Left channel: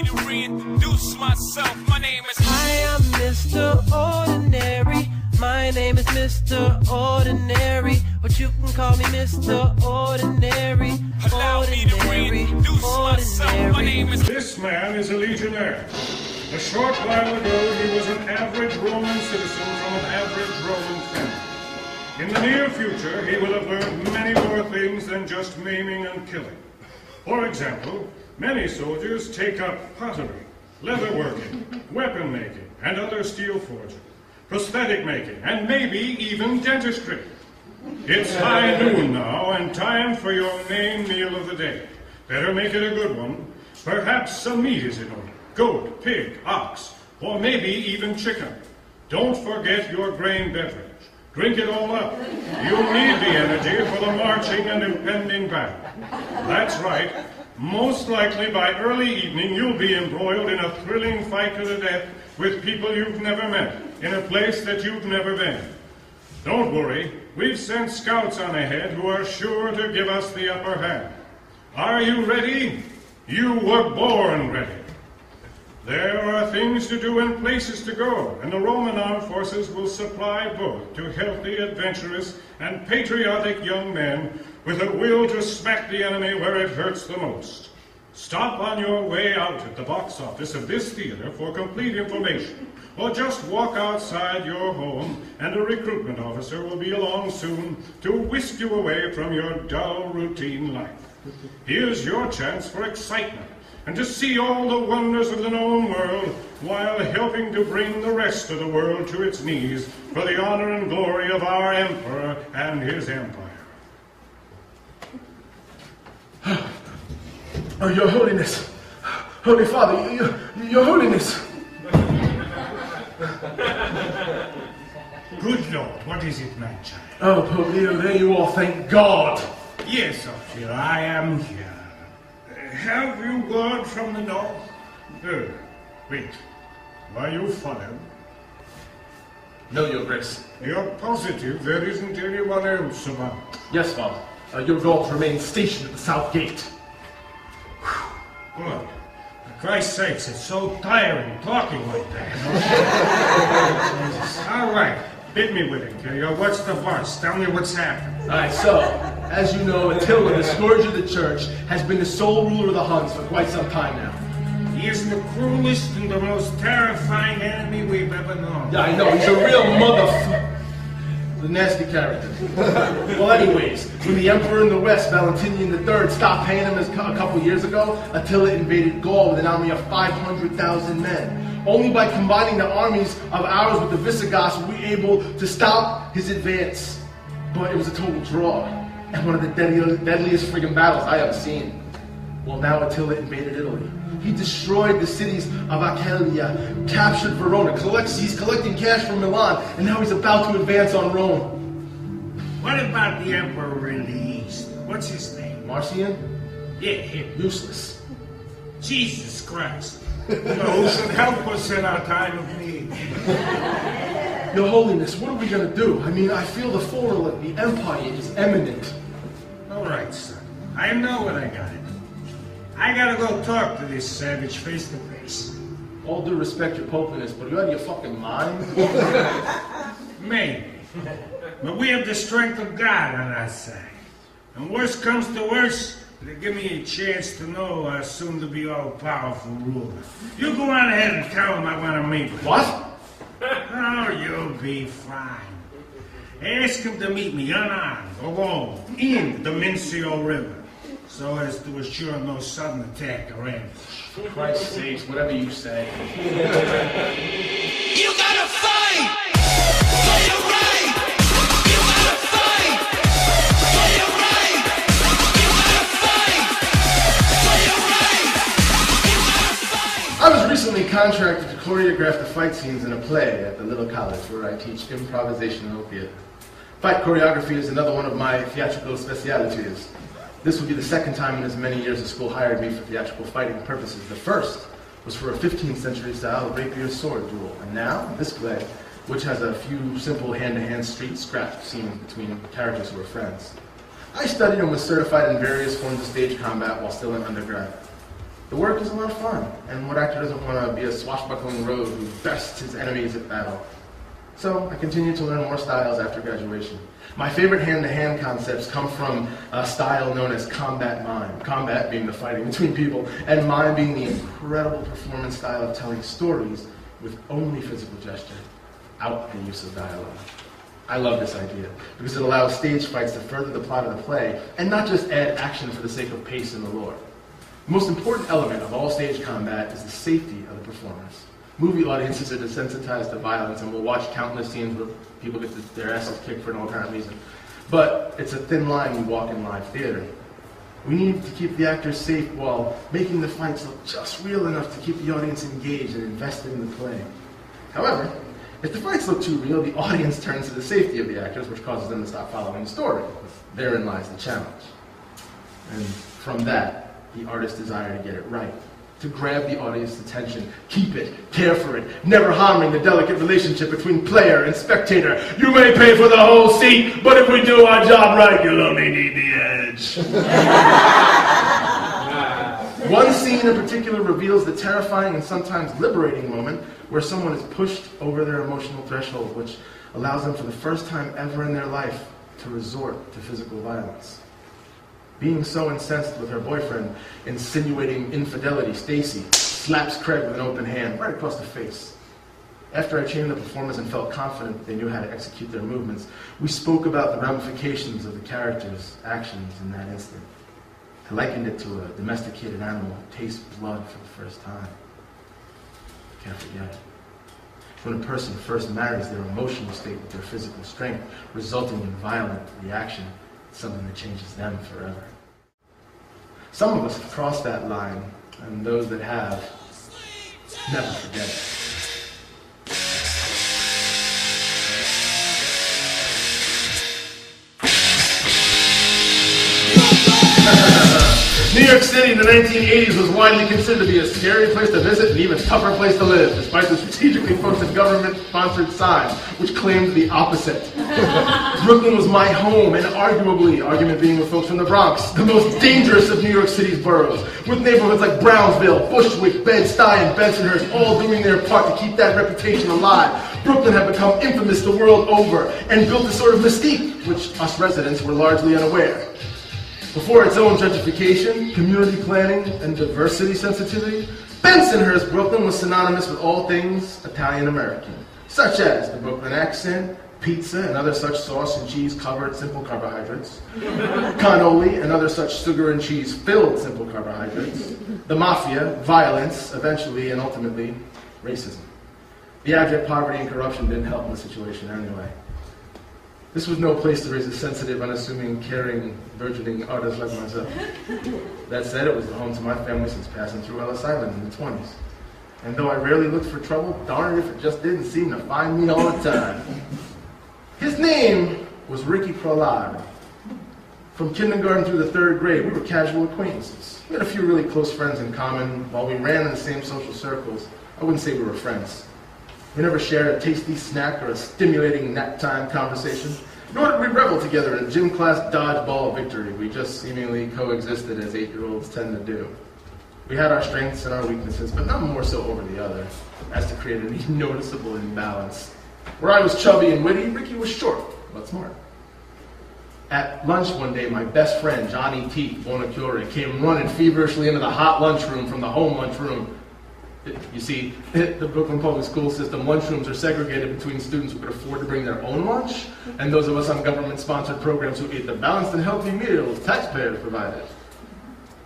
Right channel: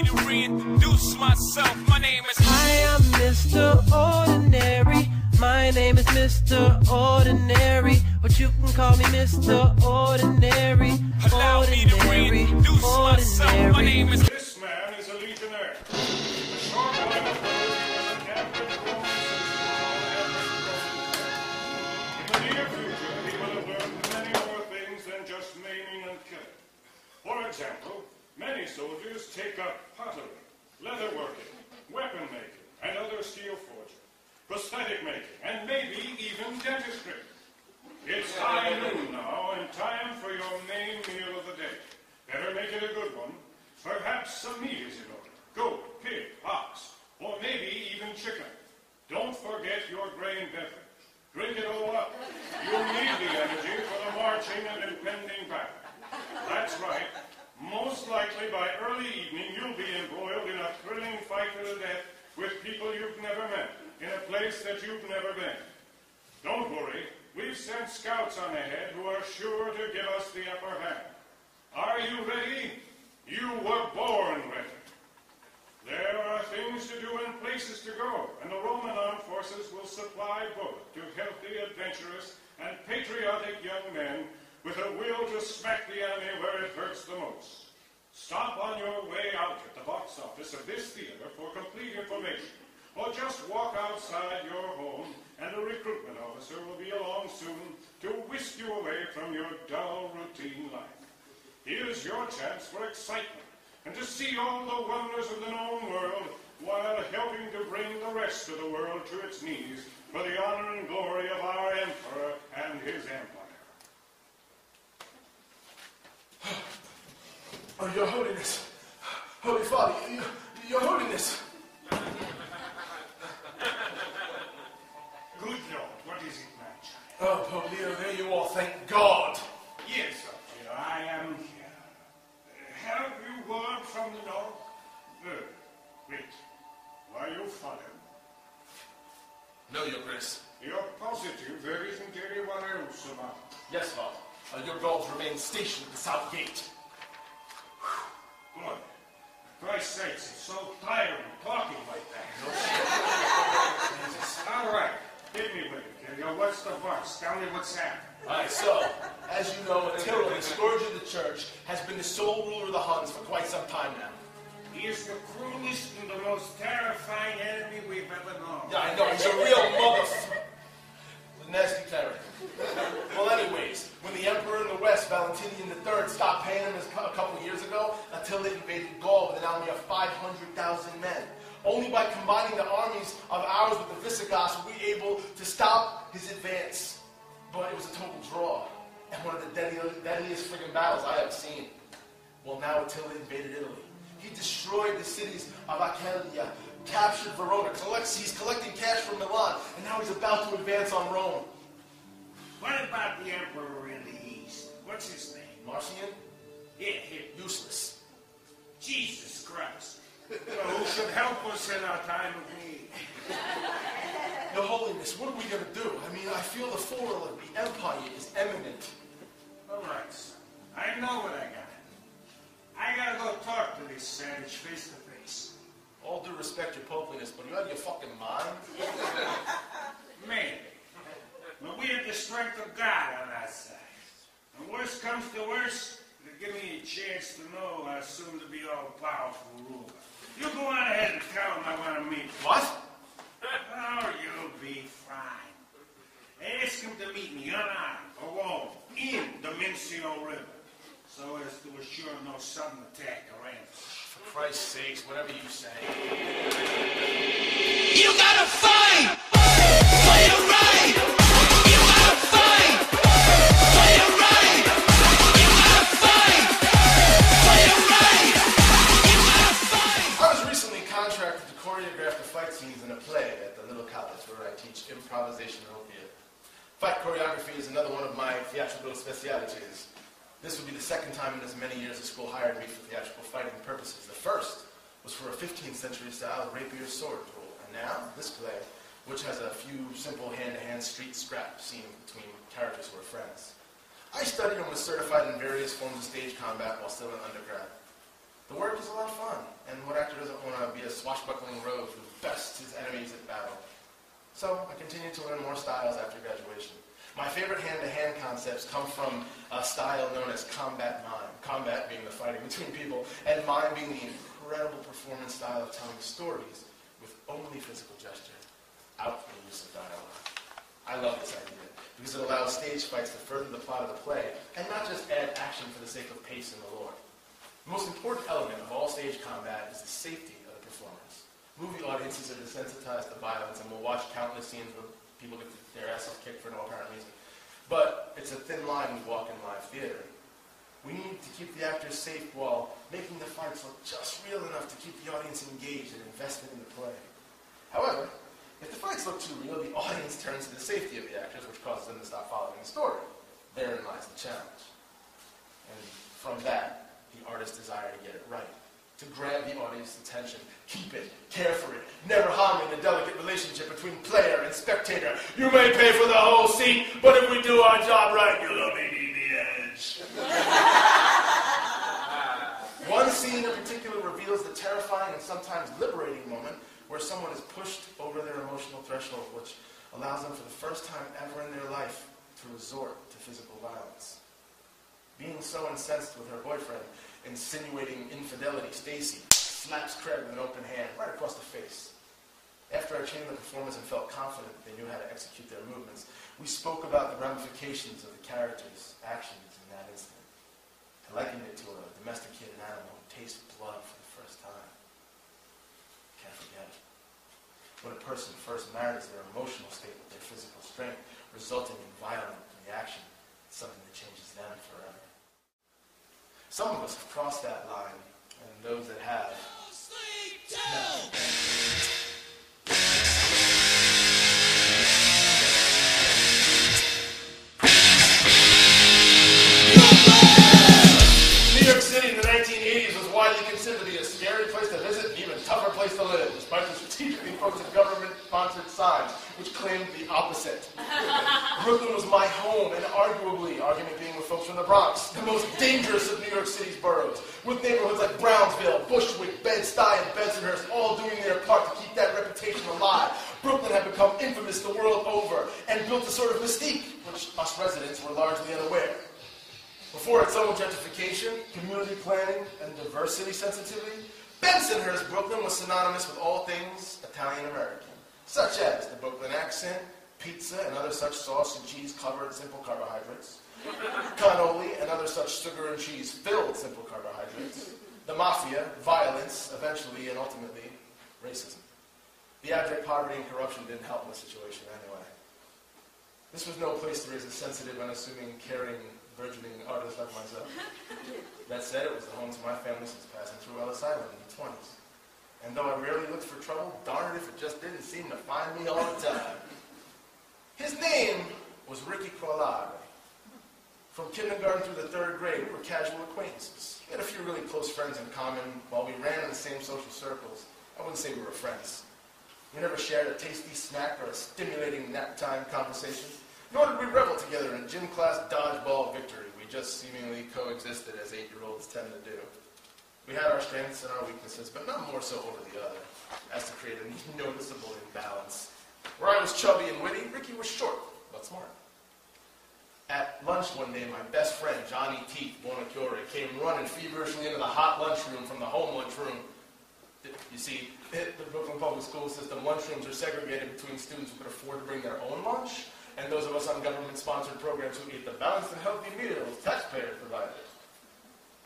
me to reintroduce myself. My name is... I am Mr. Ordinary. My name is Mr. Ordinary, but you can call me Mr. Ordinary. Allow me to reintroduce myself. My name is... This man is a legionnaire. A short while ago, he was an average Roman citizen from an average Roman family. In the near future, he will have learned many more things than just maiming and killing. For example, many soldiers take up pottery, leatherworking, weapon making, and other steel forging, prosthetic making, and maybe even dentistry. It's high noon now, and time for your main meal of the day. Better make it a good one. Perhaps some meat is in order. Goat, pig, ox, or maybe even chicken. Don't forget your grain beverage. Drink it all up. You'll need the energy for the marching and impending battle. That's right. Most likely by early evening, you'll be embroiled in a thrilling fight to the death with people you've never met, in a place that you've never been. Don't worry, we've sent scouts on ahead who are sure to give us the upper hand. Are you ready? You were born ready. There are things to do and places to go, and the Roman armed forces will supply both to healthy, adventurous, and patriotic young men with a will to smack the enemy where it hurts the most. Stop on your way out at the box office of this theater for complete information, or just walk outside your home and a recruitment officer will be along soon to whisk you away from your dull routine life. Here's your chance for excitement and to see all the wonders of the known world while helping to bring the rest of the world to its knees for the honor and glory of our emperor and his empire. Oh, Your Holiness, Holy Father, Your Holiness. Good Lord, what is it, man child? Oh, Pope Leo, there you are, thank God. Yes, Ophelia, I am here. Have you word from the north? Wait. Are you followed? No, Your Grace. You're positive there isn't anyone else about? Yes, Father. Your vault remains stationed at the south gate. Good. For Christ's sakes, it's so tiring talking like that. All right. Hit me with it, Killian. What's the fuss? Tell me what's happened. All right, so, as you know, Attila, the scourge of the church, has been the sole ruler of the Huns for quite some time now. He is the cruelest and the most terrifying enemy we've ever known. Yeah, I know. He's a real motherfucker. The nasty character. Well, anyways, when the emperor in the west, Valentinian III, stopped paying him a couple years ago, Attila invaded Gaul with an army of 500,000 men. Only by combining the armies of ours with the Visigoths were we able to stop his advance. But it was a total draw, and one of the deadliest friggin' battles I have seen. Well, now Attila invaded Italy. He destroyed the cities of Aquileia, captured Verona, he's collecting cash from Milan, and now he's about to advance on Rome. What about the emperor in the east? What's his name? Marcian? Yeah, him. Useless. Jesus Christ. Who should help us in our time of need? Your Holiness, what are we going to do? I mean, I feel the fall of the empire is imminent. All right, son. I know what I got it. I gotta go talk to this savage face to face. All due respect, Your Holiness, but are you out of your fucking mind? Maybe. But we have the strength of God on our side. And worst comes to worst, they give me a chance to know our soon-to-be all-powerful ruler. You go on ahead and tell him I want to meet him. What? Oh, you'll be fine. Ask him to meet me unarmed, alone, in the Mincio River, so as to assure no sudden attack or ambush. For Christ's sake, whatever you say. You gotta fight for your right. You gotta fight for your right. You gotta fight for your right. You gotta fight. I was recently contracted to choreograph the fight scenes in a play at the little college where I teach improvisation and theater. Fight choreography is another one of my theatrical specialities. This will be the second time in as many years the school hired me for theatrical fighting purposes. The first was for a 15th century style rapier sword duel. And now, this play, which has a few simple hand-to-hand street scraps seen between characters who are friends. I studied and was certified in various forms of stage combat while still in undergrad. The work is a lot of fun, and what actor doesn't want to be a swashbuckling rogue who bests his enemies at battle? So I continued to learn more styles after graduation. My favorite hand-to-hand concepts come from a style known as combat mime. Combat being the fighting between people, and mime being the incredible performance style of telling stories with only physical gesture, without the use of dialogue. I love this idea because it allows stage fights to further the plot of the play and not just add action for the sake of pace and allure. The most important element of all stage combat is the safety of the performers. Movie audiences are desensitized to violence and will watch countless scenes where people get their asses kicked for no apparent reason. But it's a thin line you walk in live theater. We need to keep the actors safe while making the fights look just real enough to keep the audience engaged and invested in the play. However, if the fights look too real, the audience turns to the safety of the actors, which causes them to stop following the story. Therein lies the challenge. And from that, the artist's desire to get it right, to grab the audience's attention, keep it, care for it, never harming the delicate relationship between player and spectator. You may pay for the whole seat, but if we do our job right, you'll only need the edge. One scene in particular reveals the terrifying and sometimes liberating moment where someone is pushed over their emotional threshold, which allows them for the first time ever in their life to resort to physical violence. Being so incensed with her boyfriend, insinuating infidelity, Stacy slaps Craig with an open hand right across the face. After I trained the performers and felt confident that they knew how to execute their movements, we spoke about the ramifications of the characters' actions in that instant. I likened it to a domesticated animal who tastes blood for the first time. Can't forget. When a person first marries their emotional state with their physical strength, resulting in violent reaction, it's something that changes them forever. Some of us have crossed that line, and those that have never forget it. New York City in the 1980s was widely considered to be a scary place to visit and even tougher place to live, despite the strategically posted government-sponsored signs, which claimed the opposite. Brooklyn was my home, and arguably, argument being with folks from the Bronx, the most dangerous of New York City's boroughs, with neighborhoods like Brownsville, Bushwick, Bed-Stuy, and Bensonhurst all doing their part to keep that reputation alive. Brooklyn had become infamous the world over and built a sort of mystique, which us residents were largely unaware. Before its own gentrification, community planning, and diversity sensitivity, Bensonhurst, Brooklyn was synonymous with all things Italian-American, such as the Brooklyn accent, pizza and other such sauce and cheese-covered simple carbohydrates, cannoli and other such sugar and cheese-filled simple carbohydrates, the mafia, violence, eventually and ultimately, racism. The abject poverty and corruption didn't help in the situation anyway. This was no place to raise a sensitive, unassuming, caring, burgeoning artist like myself. That said, it was the home to my family since passing through Ellis Island in the 20s. And though I rarely looked for trouble, darn it if it just didn't seem to find me all the time. His name was Ricky Prolado. From kindergarten through the 3rd grade, we were casual acquaintances. We had a few really close friends in common. While we ran in the same social circles, I wouldn't say we were friends. We never shared a tasty snack or a stimulating nap-time conversation, nor did we revel together in gym class dodgeball victory. We just seemingly coexisted as 8-year-olds tend to do. We had our strengths and our weaknesses, but none more so over the other, as to create any noticeable imbalance. Where I was chubby and witty, Ricky was short, but smart. At lunch one day, my best friend, Johnny T. Bonacure, came running feverishly into the hot lunchroom from the home lunchroom. You see, the Brooklyn public school system, lunchrooms are segregated between students who could afford to bring their own lunch and those of us on government-sponsored programs who ate the balanced and healthy meals taxpayers provided.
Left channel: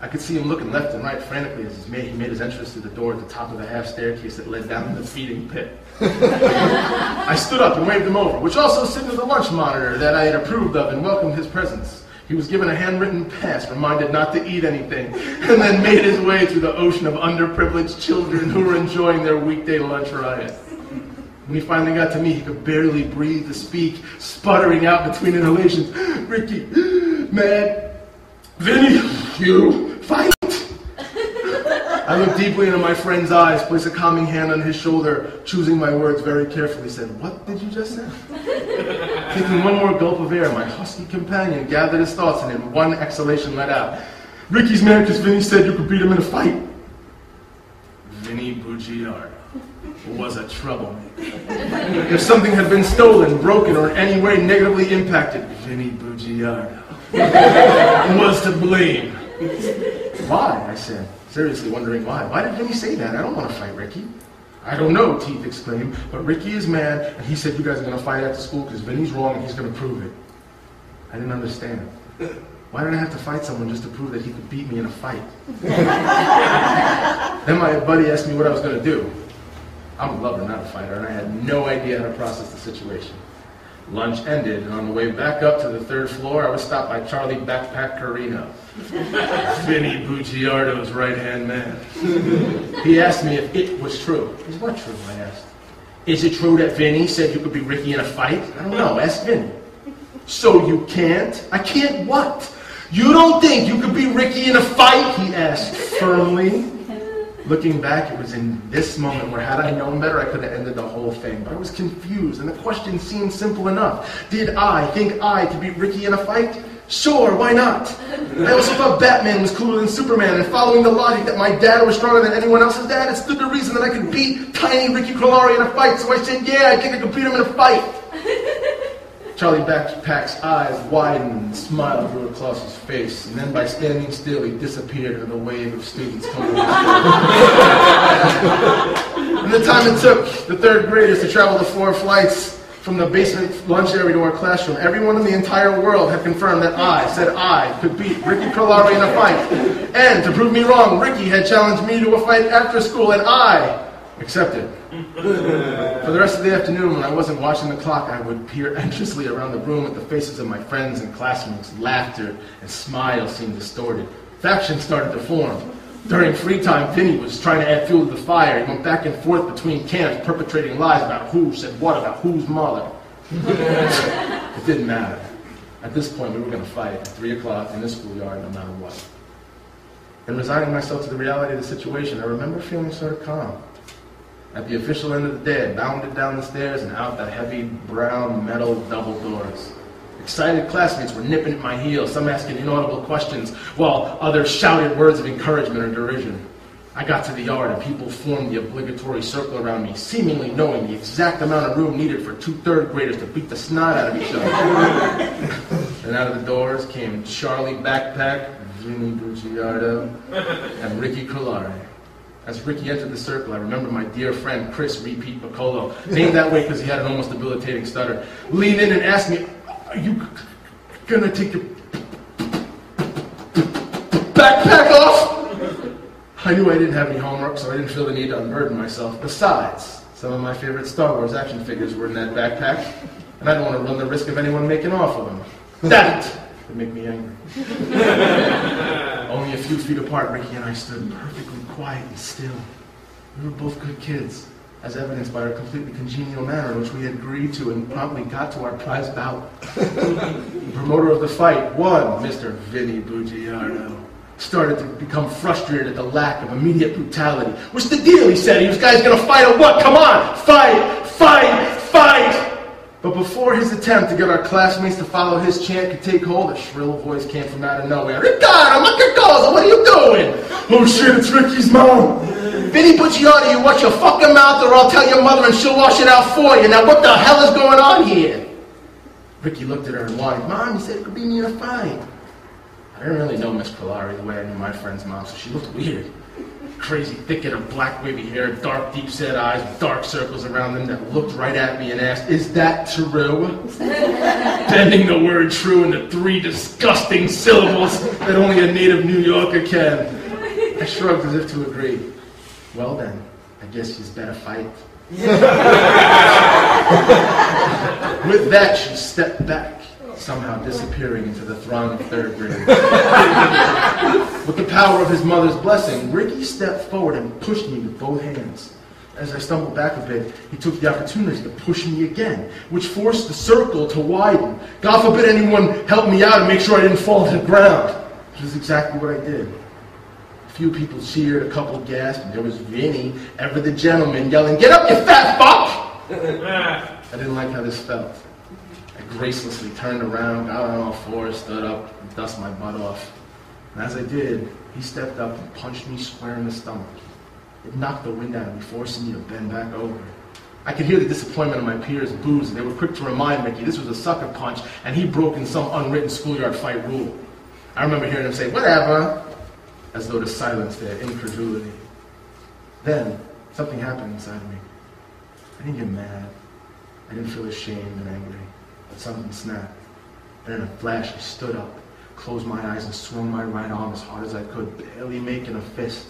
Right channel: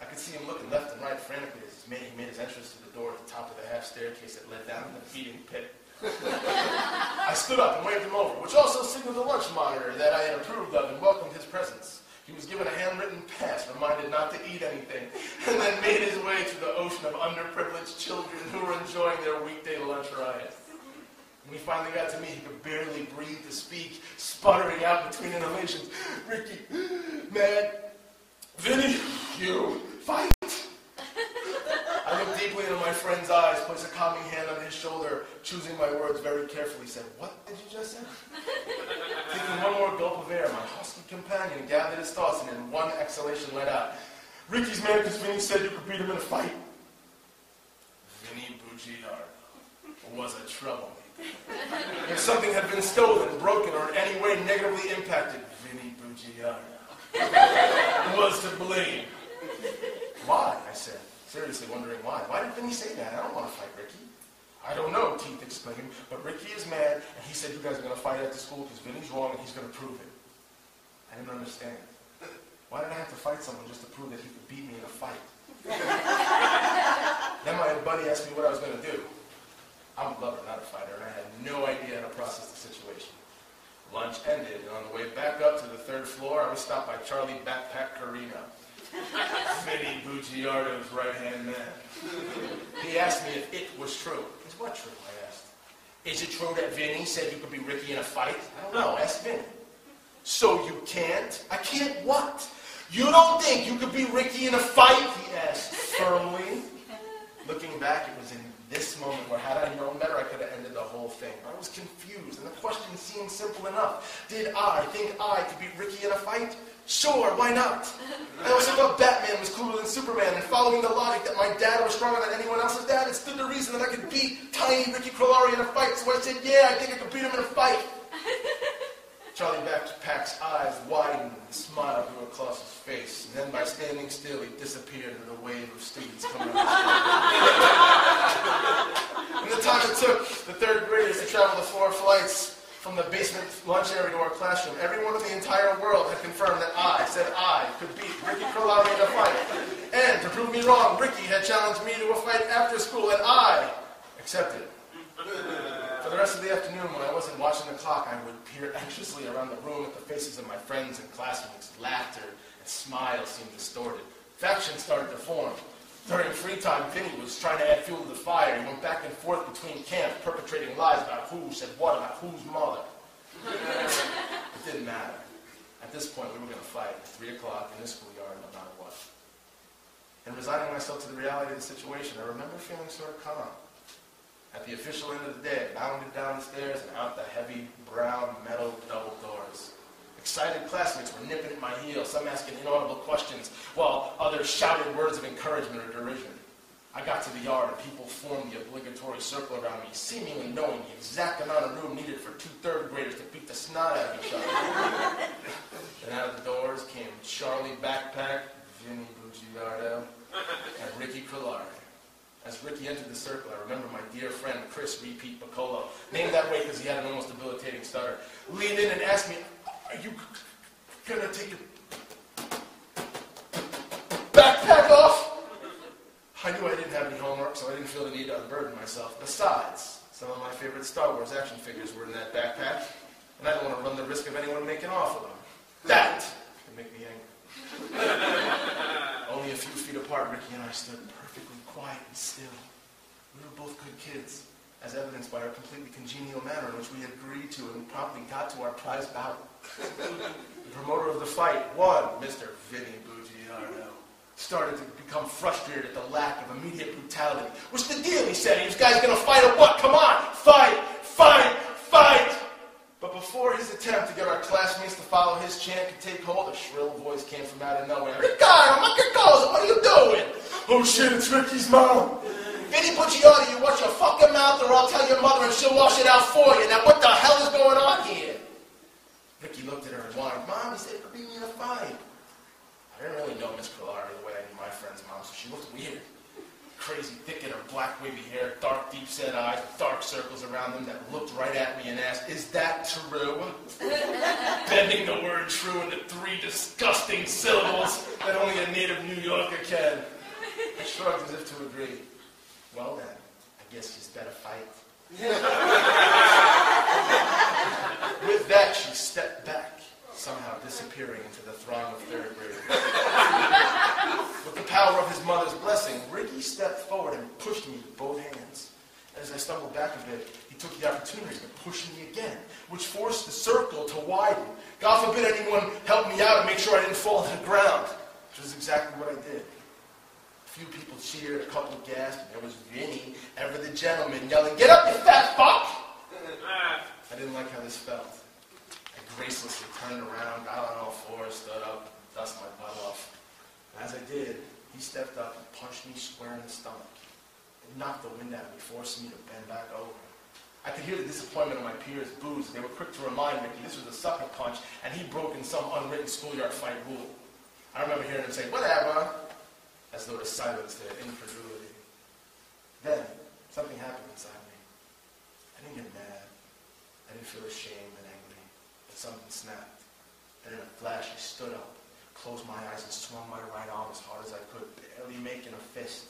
I could see him looking left and right frantically as he made his entrance through the door at the top of the half staircase that led down to the feeding pit. I stood up and waved him over, which also signaled the lunch monitor that I had approved of and welcomed his presence. He was given a handwritten pass, reminded not to eat anything, and then made his way through the ocean of underprivileged children who were enjoying their weekday lunch riot. When he finally got to me, he could barely breathe to speak, sputtering out between inhalations. Ricky, man, Vinny, you fight! I looked deeply into my friend's eyes, placed a calming hand on his shoulder, choosing my words very carefully, said, "What did you just say?" Taking one more gulp of air, my husky companion gathered his thoughts and in one exhalation let out, "Ricky's mad because Vinny said you could beat him in a fight." Bugiardo was a troublemaker. If something had been stolen, broken, or in any way negatively impacted, Vinny Bugiardo was to blame. Why? I said, seriously wondering why. Why did Vinny say that? I don't want to fight Ricky. I don't know, Teeth exclaimed, but Ricky is mad, and he said you guys are going to fight after school because Vinny's wrong and he's going to prove it. I didn't understand. Why did I have to fight someone just to prove that he could beat me in a fight? Then my buddy asked me what I was going to do. I'm a lover, not a fighter, and I had no idea how to process the situation. Lunch ended, and on the way back up to the 3rd floor, I was stopped by Charlie Backpack Carino, Vinny Bugiardo's right-hand man. He asked me if it was true. Is what true, I asked. Is it true that Vinny said you could beat Ricky in a fight? I don't know, ask Vinny. So you can't? I can't what? You don't think you could beat Ricky in a fight? He asked firmly. Looking back, it was in this moment where had I known better, I could have ended the whole thing. But I was confused, and the question seemed simple enough. Did I think I could beat Ricky in a fight? Sure, why not? I also thought Batman was cooler than Superman, and following the logic that my dad was stronger than anyone else's dad, it stood to reason that I could beat tiny Ricky Colari in a fight. So I said, yeah, I think I could beat him in a fight. Charlie Backpack's eyes widened and a smile grew across his face, and then by standing still, he disappeared into the wave of students coming in the time it took the 3rd graders to travel the 4 flights from the basement lunch area to our classroom, everyone in the entire world had confirmed that I could beat Ricky Colari in a fight. And to prove me wrong, Ricky had challenged me to a fight after school, and I accepted. For the rest of the afternoon, when I wasn't watching the clock, I would peer anxiously around the room at the faces of my friends and classmates. Laughter and smiles seemed distorted. Factions started to form. During free time, Vinny was trying to add fuel to the fire. He went back and forth between camps, perpetrating lies about who said what about whose mother. It didn't matter. At this point, we were going to fight at 3 o'clock in the schoolyard, no matter what. And resigning myself to the reality of the situation, I remember feeling sort of calm. At the official end of the day, I bounded down the stairs and out the heavy brown metal double doors. Excited classmates were nipping at my heels, some asking inaudible questions, while others shouted words of encouragement or derision. I got to the yard and people formed the obligatory circle around me, seemingly knowing the exact amount of room needed for 2 3rd graders to beat the snot out of each other. And out of the doors came Charlie Backpack, Vinny Bugiardo, and Ricky Colari. As Ricky entered the circle, I remember my dear friend Chris Repeat Piccolo, named that way because he had an almost debilitating stutter, leaned in and asked me, "Are you gonna take your backpack off?" I knew I didn't have any homework, so I didn't feel the need to unburden myself. Besides, some of my favorite Star Wars action figures were in that backpack, and I didn't want to run the risk of anyone making off with them. That would make me angry. Only a few feet apart, Ricky and I stood perfectly quiet and still. We were both good kids, as evidenced by our completely congenial manner in which we had agreed to and promptly got to our prize bout. The promoter of the fight, one Mr. Vinny Bugiardo, started to become frustrated at the lack of immediate brutality. "What's the deal?" he said. "Are you guys gonna fight or what? Come on, fight, fight, fight!" But before his attempt to get our classmates to follow his chant could take hold, a shrill voice came from out of nowhere. "Ricardo, my cosa, what are you doing?" "Oh shit, it's Ricky's mom." "Vinny Bugiardo, you watch your fucking mouth or I'll tell your mother and she'll wash it out for you. Now what the hell is going on here?" Ricky looked at her and whined, "Mom, you said it could beat me in a fight." I didn't really know Miss Polari the way I knew my friend's mom, so she looked weird. Crazy thicket of black wavy hair, dark deep set eyes, dark circles around them that looked right at me and asked, "Is that true?" Bending the word true into 3 disgusting syllables that only a native New Yorker can. I shrugged as if to agree. "Well then, I guess she's better fight." With that, she stepped back, somehow disappearing into the throng of 3rd graders. With the power of his mother's blessing, Ricky stepped forward and pushed me with both hands. As I stumbled back a bit, he took the opportunity to push me again, which forced the circle to widen. God forbid anyone help me out and make sure I didn't fall to the ground. Which is exactly what I did. A few people cheered, a couple gasped, and there was Vinny, ever the gentleman, yelling, "Get up, you fat fuck!" I didn't like how this felt. I gracelessly turned around, got on all fours, stood up, and dusted my butt off. And as I did, he stepped up and punched me square in the stomach. It knocked the wind out of me, forcing me to bend back over. I could hear the disappointment of my peers' boos, and they were quick to remind Ricky this was a sucker punch, and he'd broken some unwritten schoolyard fight rule. I remember hearing him say, "Whatever," as though to silence their incredulity. Then, something happened inside me. I didn't get mad. I didn't feel ashamed and angry. But something snapped. And in a flash, I stood up, closed my eyes, and swung my right arm as hard as I could, barely making a fist.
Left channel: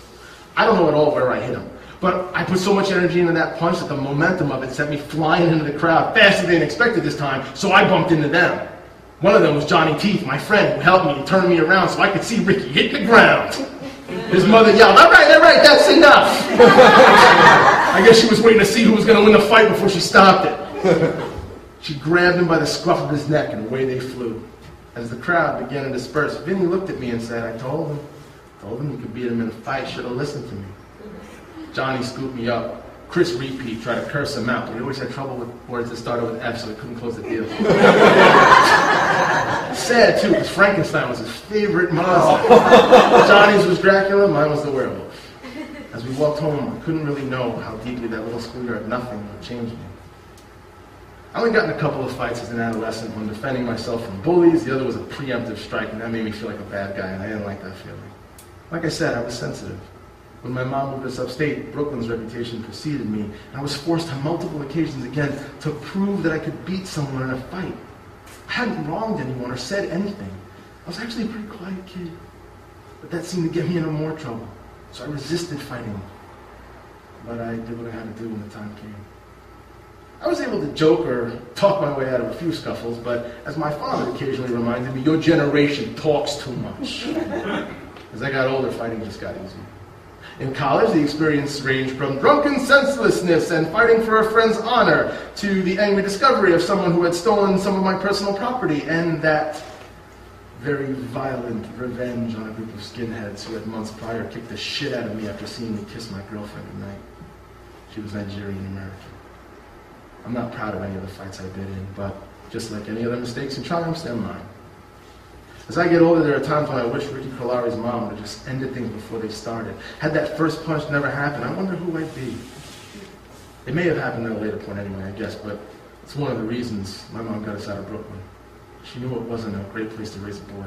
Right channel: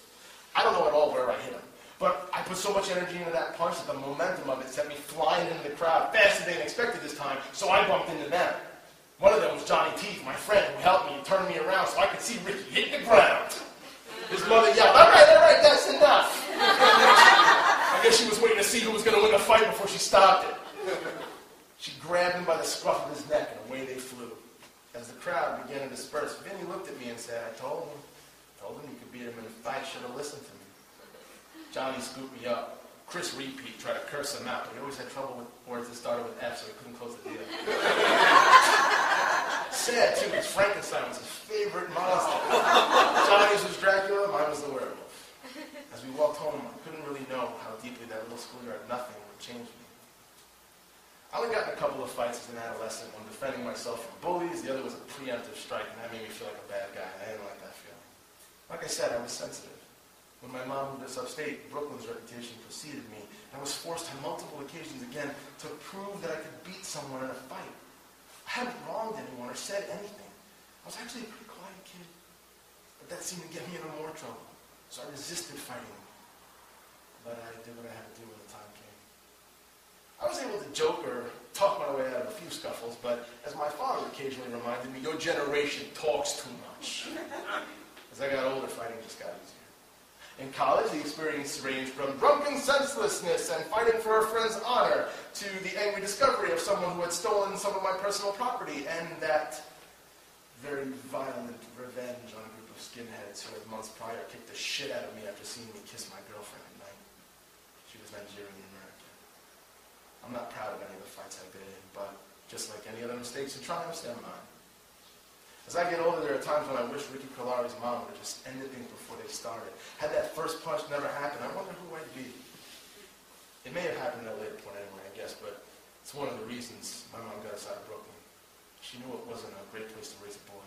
I don't know at all where I hit him, but I put so much energy into that punch that the momentum of it sent me flying into the crowd faster than expected this time, so I bumped into them. One of them was Johnny Teeth, my friend, who helped me and turned me around so I could see Ricky hit the ground. His mother yelled, all right, that's enough." I guess she was waiting to see who was going to win the fight before she stopped it. She grabbed him by the scruff of his neck, and away they flew. As the crowd began to disperse, Vinny looked at me and said, I told him you could beat him in a fight, should have listened to me. Johnny scooped me up. Chris Repeat tried to curse him out, but he always had trouble with words that started with F, so he couldn't close the deal. Sad, too, because Frankenstein was his favorite monster. Johnny's was Dracula, mine was the werewolf. As we walked home, I couldn't really know how deeply that little schoolyard nothing would change me. I only got in a couple of fights as an adolescent, one defending myself from bullies, the other was a preemptive strike, and that made me feel like a bad guy, and I didn't like that feeling. Like I said, I was sensitive. When my mom moved us upstate, Brooklyn's reputation preceded me, and I was forced on multiple occasions again to prove that I could beat someone in a fight. I hadn't wronged anyone or said anything. I was actually a pretty quiet kid, but that seemed to get me into more trouble, so I resisted fighting them. But I did what I had to do when the time came. I was able to joke or talk my way out of a few scuffles, but as my father occasionally reminded me, your generation talks too much. As I got older, fighting just got easier. In college, the experience ranged from drunken senselessness and fighting for a friend's honor to the angry discovery of someone who had stolen some of my personal property and that very violent revenge on a group of skinheads who had months prior kicked the shit out of me after seeing me kiss my girlfriend at night. She was Nigerian American. I'm not proud of any of the fights I've been in, but just like any other mistakes and triumphs, they're mine. As I get older, there are times when I wish Ricky Colari's mom would have just ended things before they started. Had that first punch never happened, I wonder who I'd be. It may have happened at a later point anyway, I guess, but it's one of the reasons my mom got us out of Brooklyn. She knew it wasn't a great place to raise a boy.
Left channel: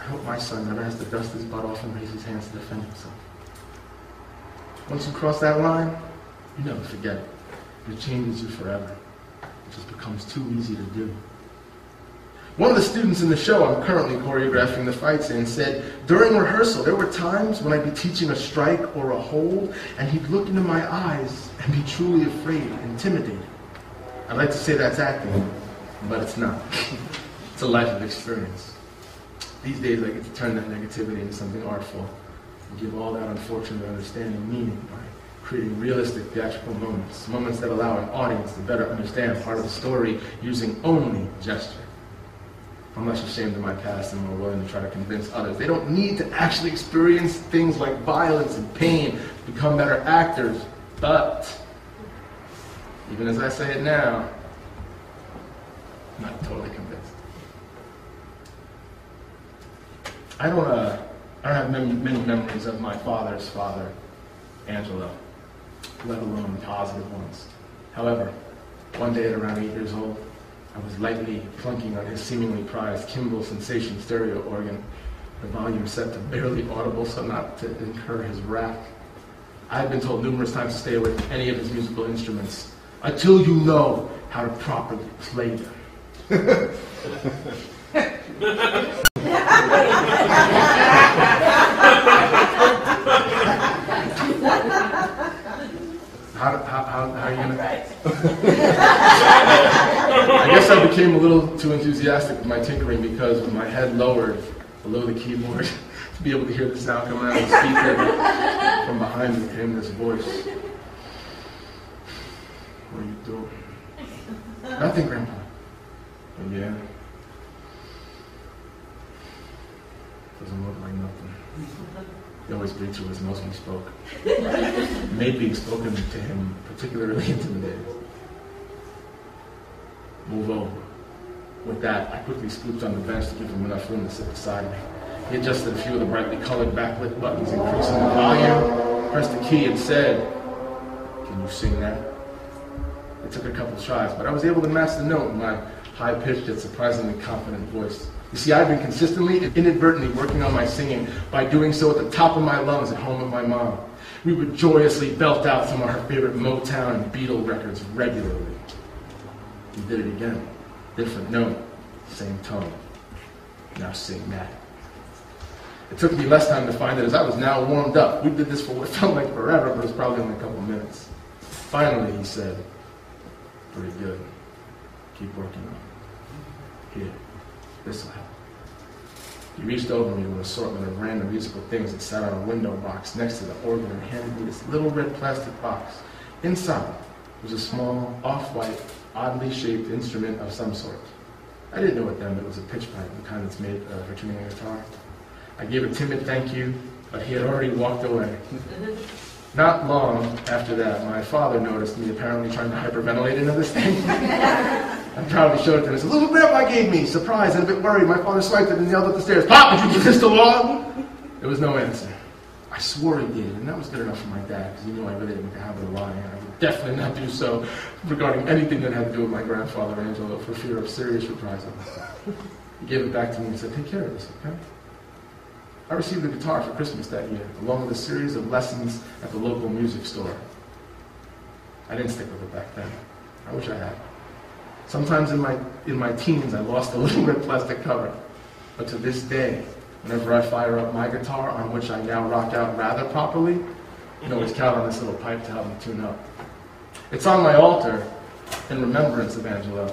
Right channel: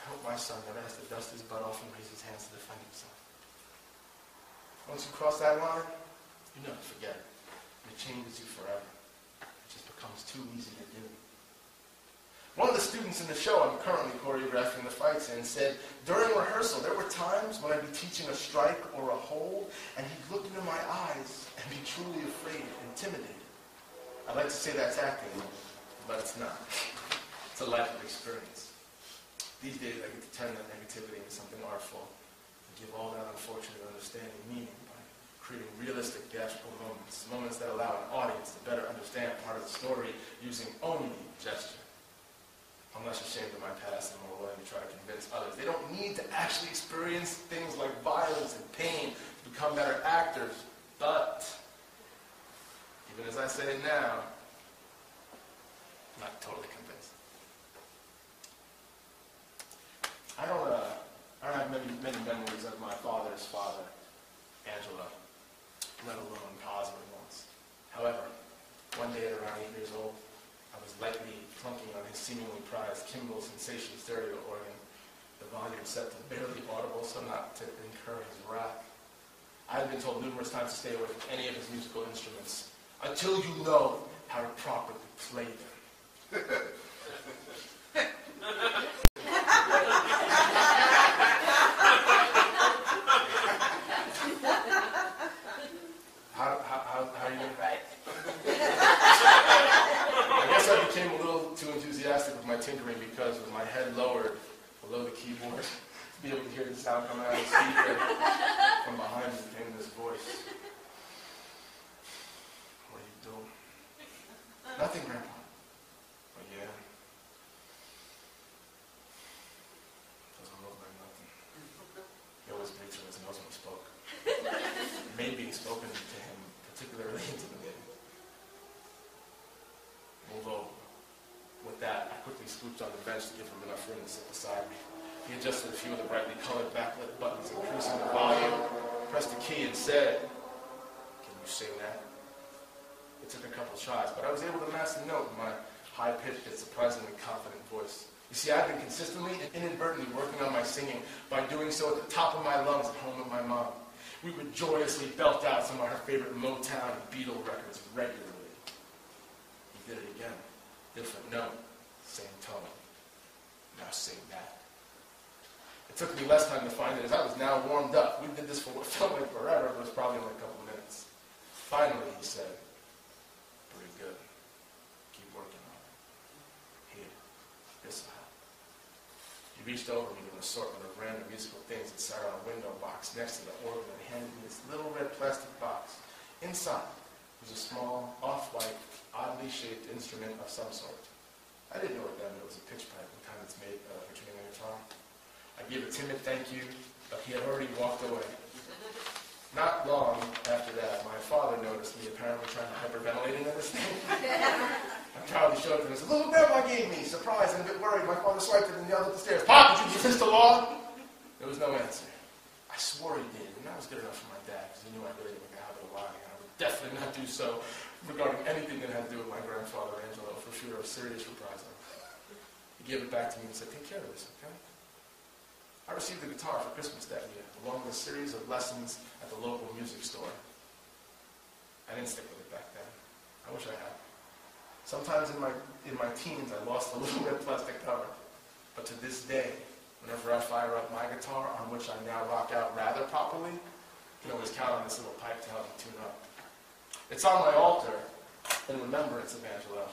I hope my son never has to dust his butt off and raise his hands to defend himself. Once you cross that line, you never forget it. It changes you forever. It just becomes too easy to do. One of the students in the show I'm currently choreographing the fights in said, during rehearsal, there were times when I'd be teaching a strike or a hold, and he'd look into my eyes and be truly afraid, intimidated. I'd like to say that's acting, but it's not. It's a life of experience. These days, I get to turn that negativity into something artful and give all that unfortunate understanding meaning by creating realistic theatrical moments that allow an audience to better understand part of the story using only gesture. I'm less ashamed of my past and more willing to try to convince others. They don't need to actually experience things like violence and pain to become better actors. But, even as I say it now, I'm not totally convinced. I don't have many memories of my father's father, Angelo, let alone positive ones. However, one day at around 8 years old, I was lightly plunking on his seemingly prized Kimball Sensation stereo organ, the volume set to barely audible so not to incur his wrath. I had been told numerous times to stay away from any of his musical instruments until you know how to properly play them. How are you gonna? I guess I became a little too enthusiastic with my tinkering because with my head lowered below the keyboard to be able to hear the sound coming out of the speaker, from behind me came this voice. What are you doing? Nothing, Grandpa. Oh, yeah. Doesn't look like nothing. He always breathed through his nose when he spoke. It made being spoken to him particularly intimidating. Move over. With that, I quickly scooped on the bench to give him enough room to sit beside me. He adjusted a few of the brightly colored backlit buttons, increasing the volume pressed the key and said, "Can you sing that?" It took a couple tries, but I was able to match the note in my high-pitched yet surprisingly confident voice. You see, I've been consistently and inadvertently working on my singing by doing so at the top of my lungs at home with my mom. We would joyously belt out some of her favorite Motown and Beatle records regularly. We did it again. Different note, same tone. Now sing that. It took me less time to find it as I was now warmed up. We did this for what felt like forever, but it was probably only a couple minutes. Finally, he said, "Pretty good. Keep working on it. Here, this will help." He reached over me to an assortment of random musical things that sat on a window box next to the organ and handed me this little red plastic box. Inside was a small, off-white, oddly shaped instrument of some sort. I didn't know what then, but it was a pitch pipe, the kind that's made for tuning a guitar. I gave a timid thank you, but he had already walked away. Not long after that, my father noticed me apparently trying to hyperventilate into this thing. I proudly showed it to him and said, "Little grandpa gave me." Surprised and a bit worried, my father swiped it and yelled up the stairs, "Pop, did you resist the law?" There was no answer. I swore he did, and that was good enough for my dad, because he knew I really didn't have a lie, and I would definitely not do so regarding anything that had to do with my grandfather, Angelo, for fear of serious reprisal. He gave it back to me and said, "Take care of this, okay?" I received a guitar for Christmas that year, along with a series of lessons at the local music store. I didn't stick with it back then. I wish I had. Sometimes in my teens, I lost the little red plastic cover. But to this day, whenever I fire up my guitar, on which I now rock out rather properly, you can always count on this little pipe to help me tune up. It's on my altar in remembrance of Angelo,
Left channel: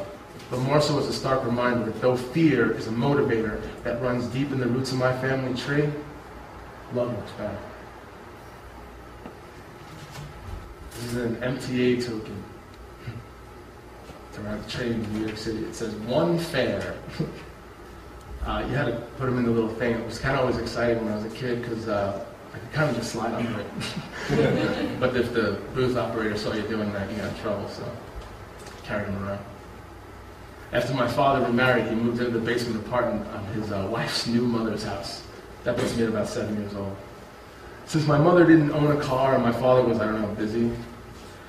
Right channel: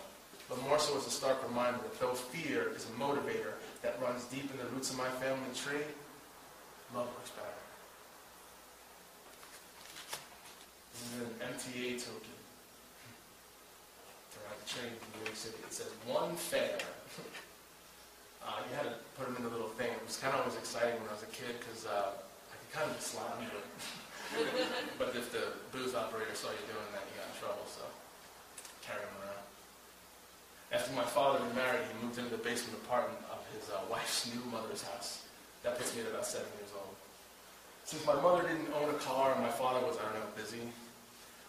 but more so as a stark reminder that though fear is a motivator that runs deep in the roots of my family tree, love looks better. This is an MTA token. It's around the train in New York City. It says, "One fare." You had to put them in the little thing. It was kind of always exciting when I was a kid because I could kind of just slide under it. But if the booth operator saw you doing that, you got in trouble, so carried them around. After my father remarried, he moved into the basement apartment of his wife's new mother's house. That puts me at about 7 years old. Since my mother didn't own a car and my father was, I don't know, busy,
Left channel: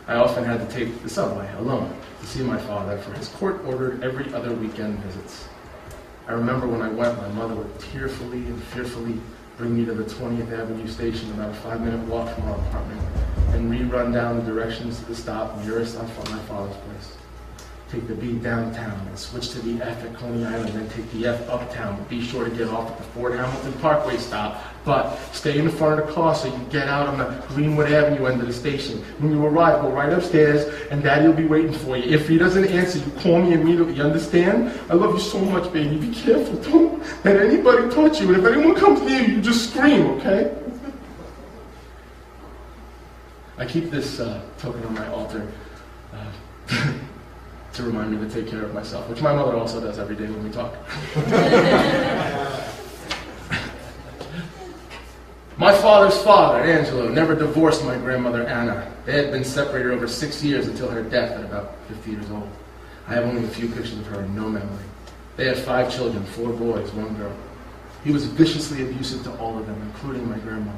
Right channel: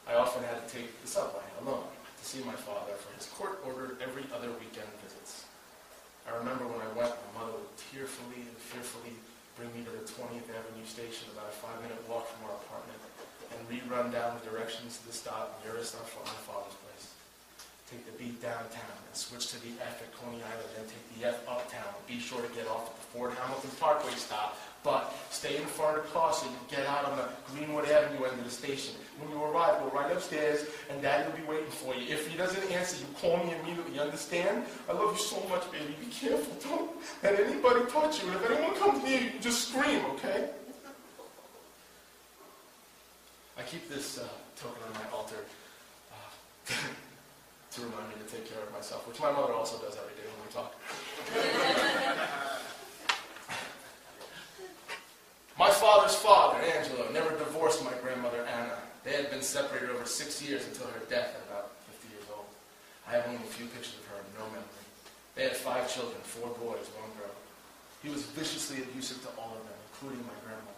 I often had to take the subway alone to see my father for his court-ordered every other weekend visits. I remember when I went, my mother would tearfully and fearfully bring me to the 20th Avenue station, about a 5-minute walk from our apartment, and rerun down the directions to the stop nearest my father's place. Take the B downtown and switch to the F at Coney Island, then take the F uptown, but be sure to get off at the Fort Hamilton Parkway stop, but stay in the front of the car so you get out on the Greenwood Avenue end of the station. When you arrive, go right upstairs, and Daddy will be waiting for you. If he doesn't answer, you call me immediately, you understand? I love you so much, baby. Be careful. Don't let anybody touch you, and if anyone comes near you, just scream, okay? I keep this token on my altar to remind me to take care of myself, which my mother also does every day when we talk. My father's father, Angelo, never divorced my grandmother, Anna. They had been separated over 6 years until her death at about 50 years old. I have only a few pictures of her and no memory. They had 5 children, 4 boys, 1 girl. He was viciously abusive to all of them, including my grandmother.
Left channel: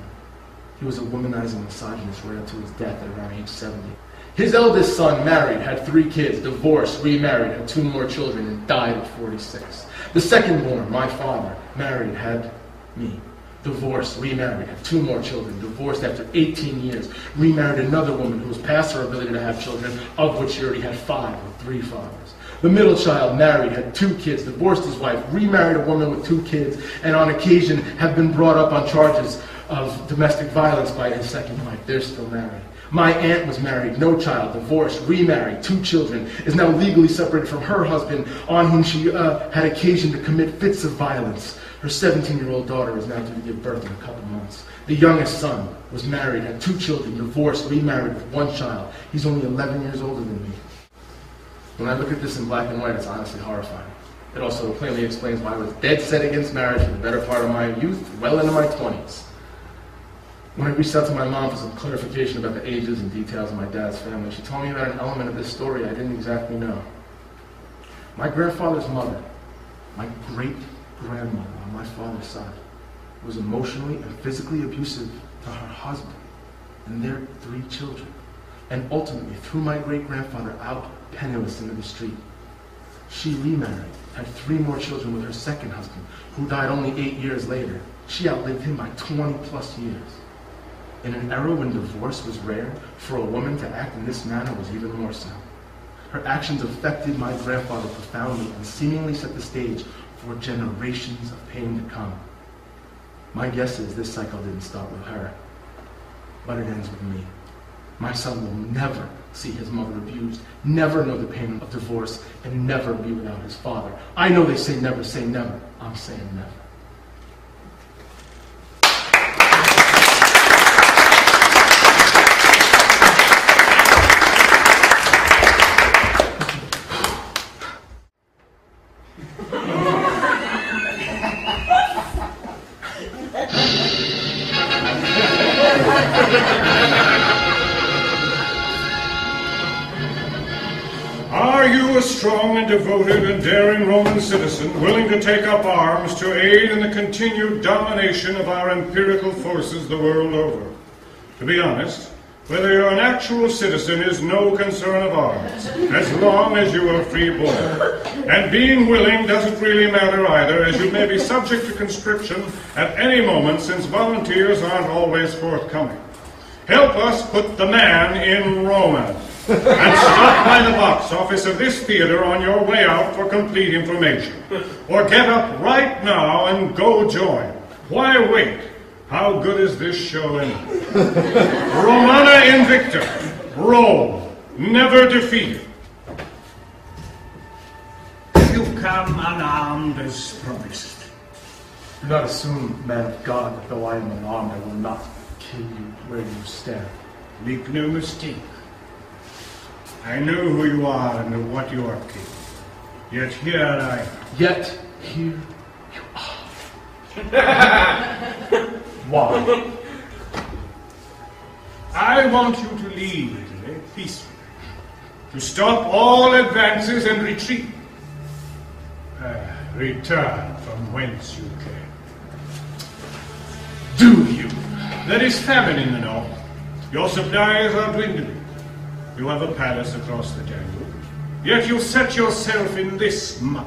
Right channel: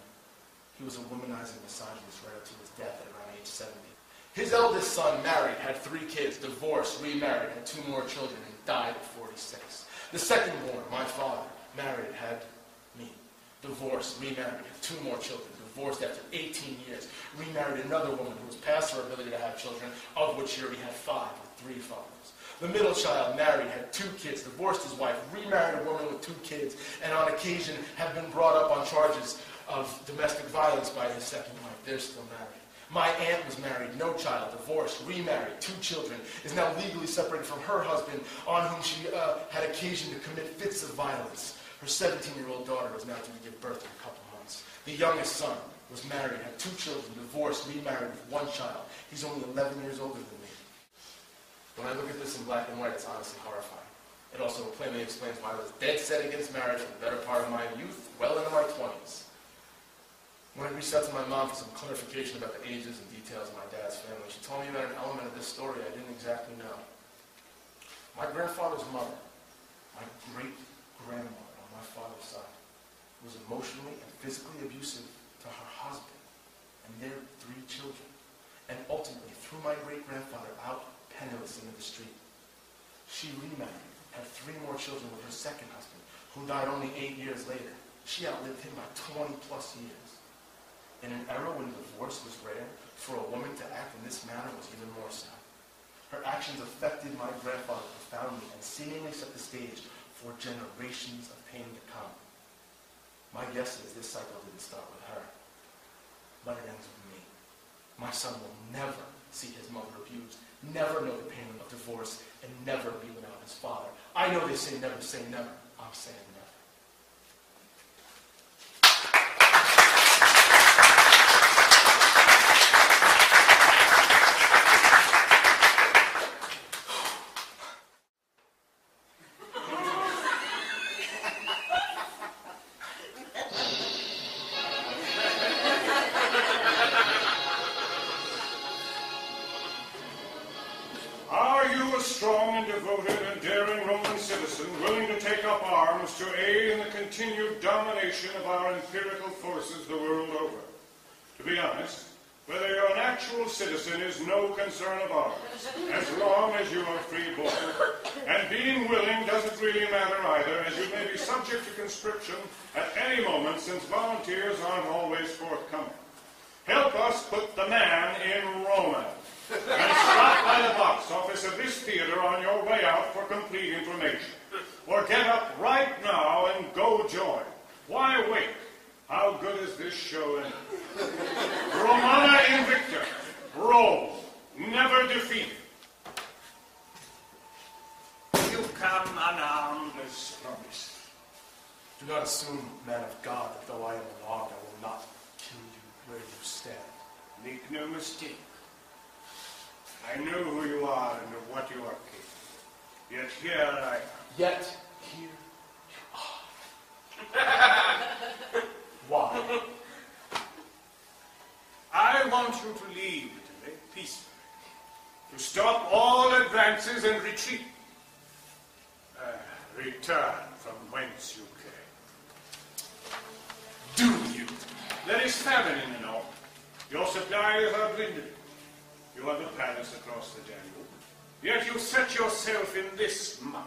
He was a womanizing misogynist right up to his death at around age 70. His eldest son married, had 3 kids, divorced, remarried, had 2 more children, and died at 46. The second born, my father, married, had me. Divorced, remarried, had 2 more children, divorced after 18 years, remarried another woman who was past her ability to have children, of which she already had 5 or 3 fathers. The middle child married, had 2 kids, divorced his wife, remarried a woman with 2 kids, and on occasion have been brought up on charges of domestic violence by his second wife. They're still married. My aunt was married, no child, divorced, remarried, 2 children, is now legally separated from her husband, on whom she had occasion to commit fits of violence. Her 17-year-old daughter is now due to give birth in a couple months. The youngest son was married, had 2 children, divorced, remarried with 1 child. He's only 11 years older than me. When I look at this in black and white, it's honestly horrifying. It also plainly explains why I was dead set against marriage for the better part of my youth, well into my 20s. When I reached out to my mom for some clarification about the ages and details of my dad's family, she told me about an element of this story I didn't exactly know. My grandfather's mother, my great-grandmother on my father's side, was emotionally and physically abusive to her husband. and their 3 children, and ultimately threw my great-grandfather out penniless into the street. She remarried, had 3 more children with her second husband, who died only 8 years later. She outlived him by 20+ years. In an era when divorce was rare, for a woman to act in this manner was even more so. Her actions affected my grandfather profoundly and seemingly set the stage for generations of pain to come. My guess is this cycle didn't start with her, but it ends with me. My son will never see his mother abused, never know the pain of divorce, and never be without his father. I know they say never say never. I'm saying never. Are you a strong and devoted and daring Roman citizen willing to take up arms to aid in the continued domination of our empirical forces the world over? To be honest, whether you're an actual citizen is no concern of ours, as long as you are free-born. And being willing doesn't really matter either, as you may be subject to conscription at any moment, since volunteers aren't always forthcoming. Help us put the man in Rome. And stop by the box office of this theater on your way out for complete information. Or get up right now and go join. Why wait? How good is this show anyway? Romana Invicta. Rome. Never defeated. You come unarmed as promised. Do not assume, man of God, that though I am unarmed, I will not kill you where you stand. Make no mistake. I know who you are and what you are capable. Yet here I am. Yet here you are. Why? I want you to leave Italy peacefully. To stop all advances and retreat. Return from whence you came. Do you? There is famine in the north. Your supplies are dwindling. You have a palace across the Danube. Yet you set yourself in this muck.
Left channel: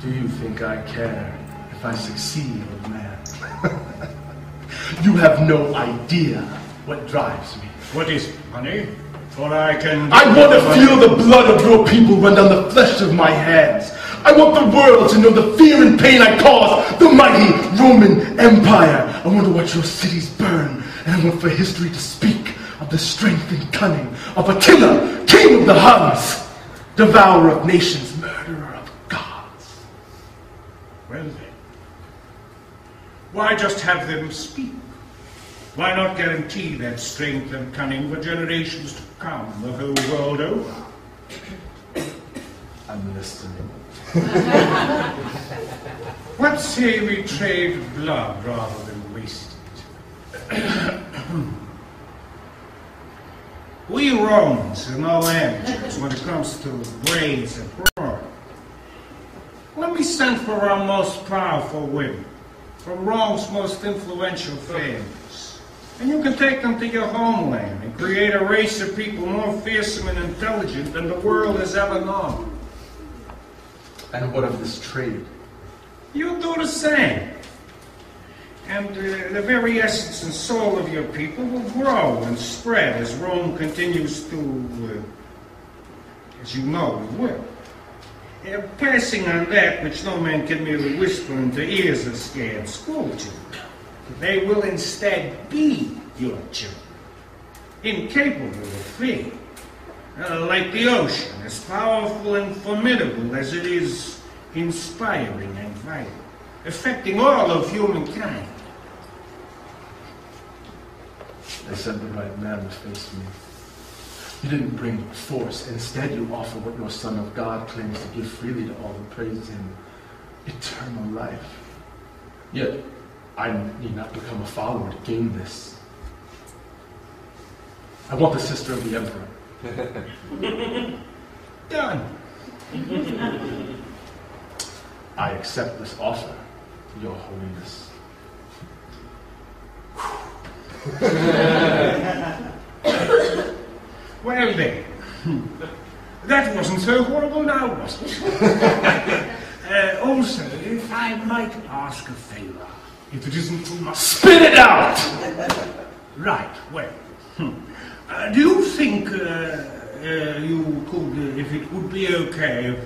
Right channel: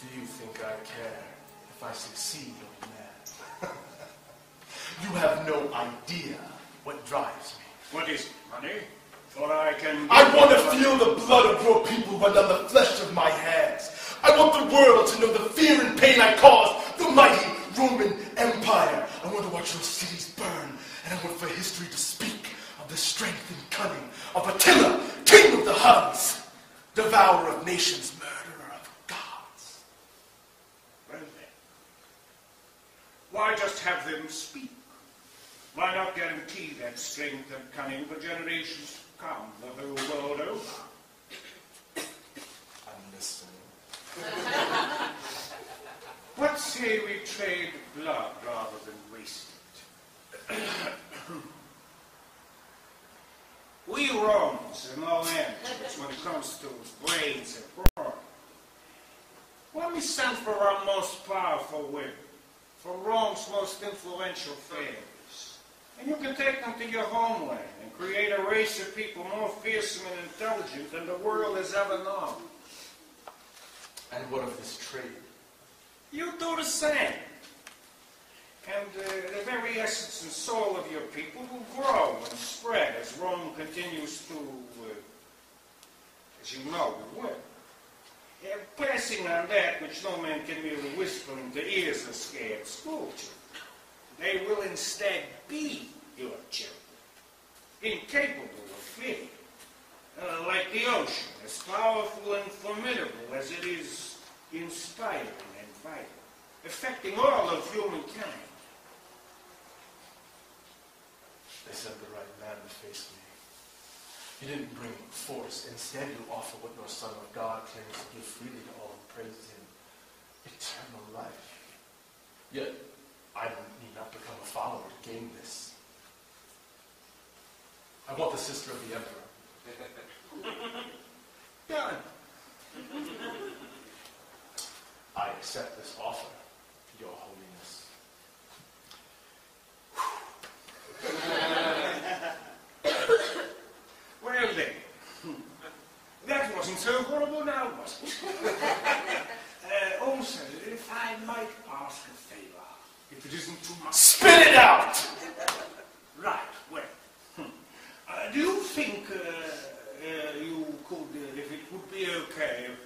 Do you think I care if I succeed, old man? You have no idea what drives me. What is it, money? For I can... I want to feel the blood of your people run down the flesh of my hands. I want the world to know the fear and pain I cause the mighty Roman Empire. I want to watch your cities burn, and I want for history to speak of the strength and cunning of Attila, king of the Huns, devourer of nations, murderer of gods. Well then, why just have them speak? Why not guarantee that strength and cunning for generations to come, the whole world over? I'm listening. What say we trade blood rather than waste it? We Romans are no amateurs when it comes to brains and brawn. Let me send for our most powerful women, from Rome's most influential families, and you can take them to your homeland and create a race of people more fearsome and intelligent than the world has ever known. And what of this trade? You do the same. And the very essence and soul of your people will grow and spread as Rome continues to, as you know, it will. Passing on that which no man can merely whisper into ears of scared schoolchildren. They will instead be your children, incapable of fear, like the ocean, as powerful and formidable as it is inspiring and vital, affecting all of humankind. They said the right man would face me. You didn't bring force. Instead, you offer what your Son of God claims to give freely to all who praise him, eternal life. Yet, I need not become a follower to gain this. I want the sister of the Emperor. Done. I accept this offer, Your Holiness. Well then, that wasn't so horrible now, was it? Also, if I might ask a favor, if it isn't too much... Spit it out! Right, well, do you think you could, if it would be okay,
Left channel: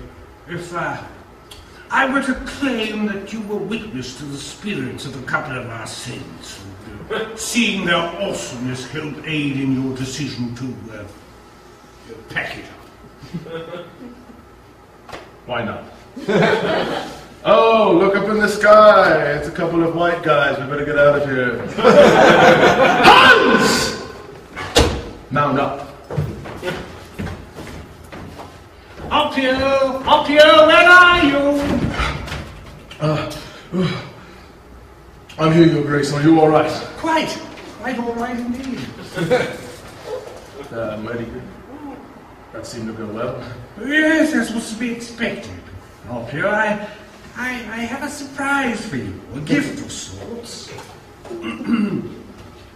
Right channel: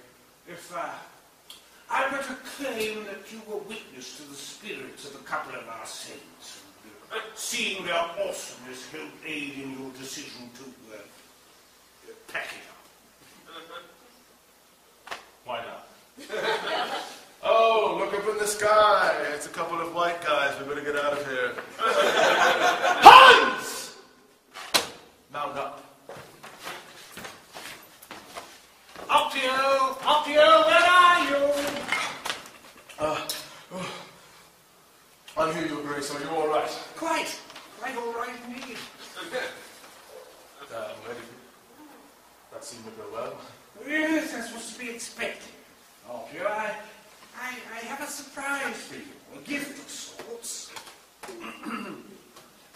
if I were to claim that you were witness to the spirits of a couple of our saints, and, seeing their awesomeness help aid in your decision to pack it up? Why not? Oh, look up in the sky. It's a couple of white guys. We better get out of here. Hans! Mount up. Optio, where are you? I'm here, Your Grace. Are you all right? Quite all right indeed. Mighty good. That seemed to go well. Yes, that's what's to be expected. Optio, I have a surprise for you, a gift of sorts.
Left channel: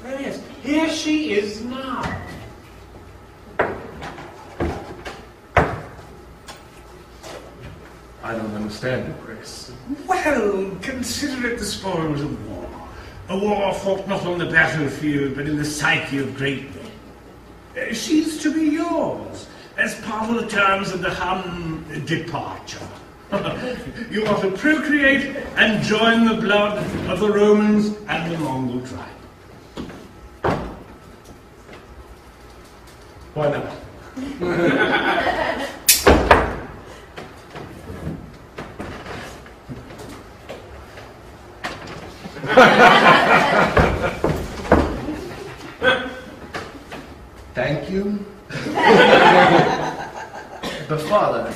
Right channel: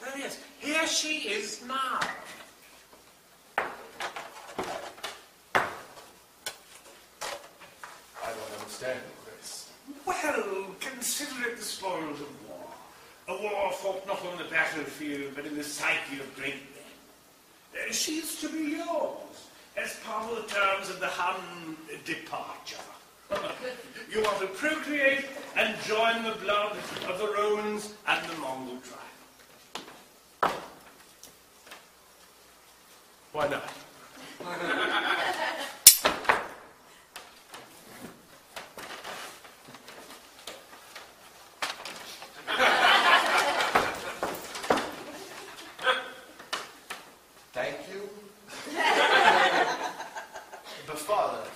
Yes, here she is now. I don't understand you, Grace. Well, consider it the spoils of war. A war fought not on the battlefield, but in the psyche of great men. She's to be yours, as part of the terms of the Hun departure. You are to procreate and join the blood of the Romans and the Mongol tribe. Why not? Thank you. But Father, I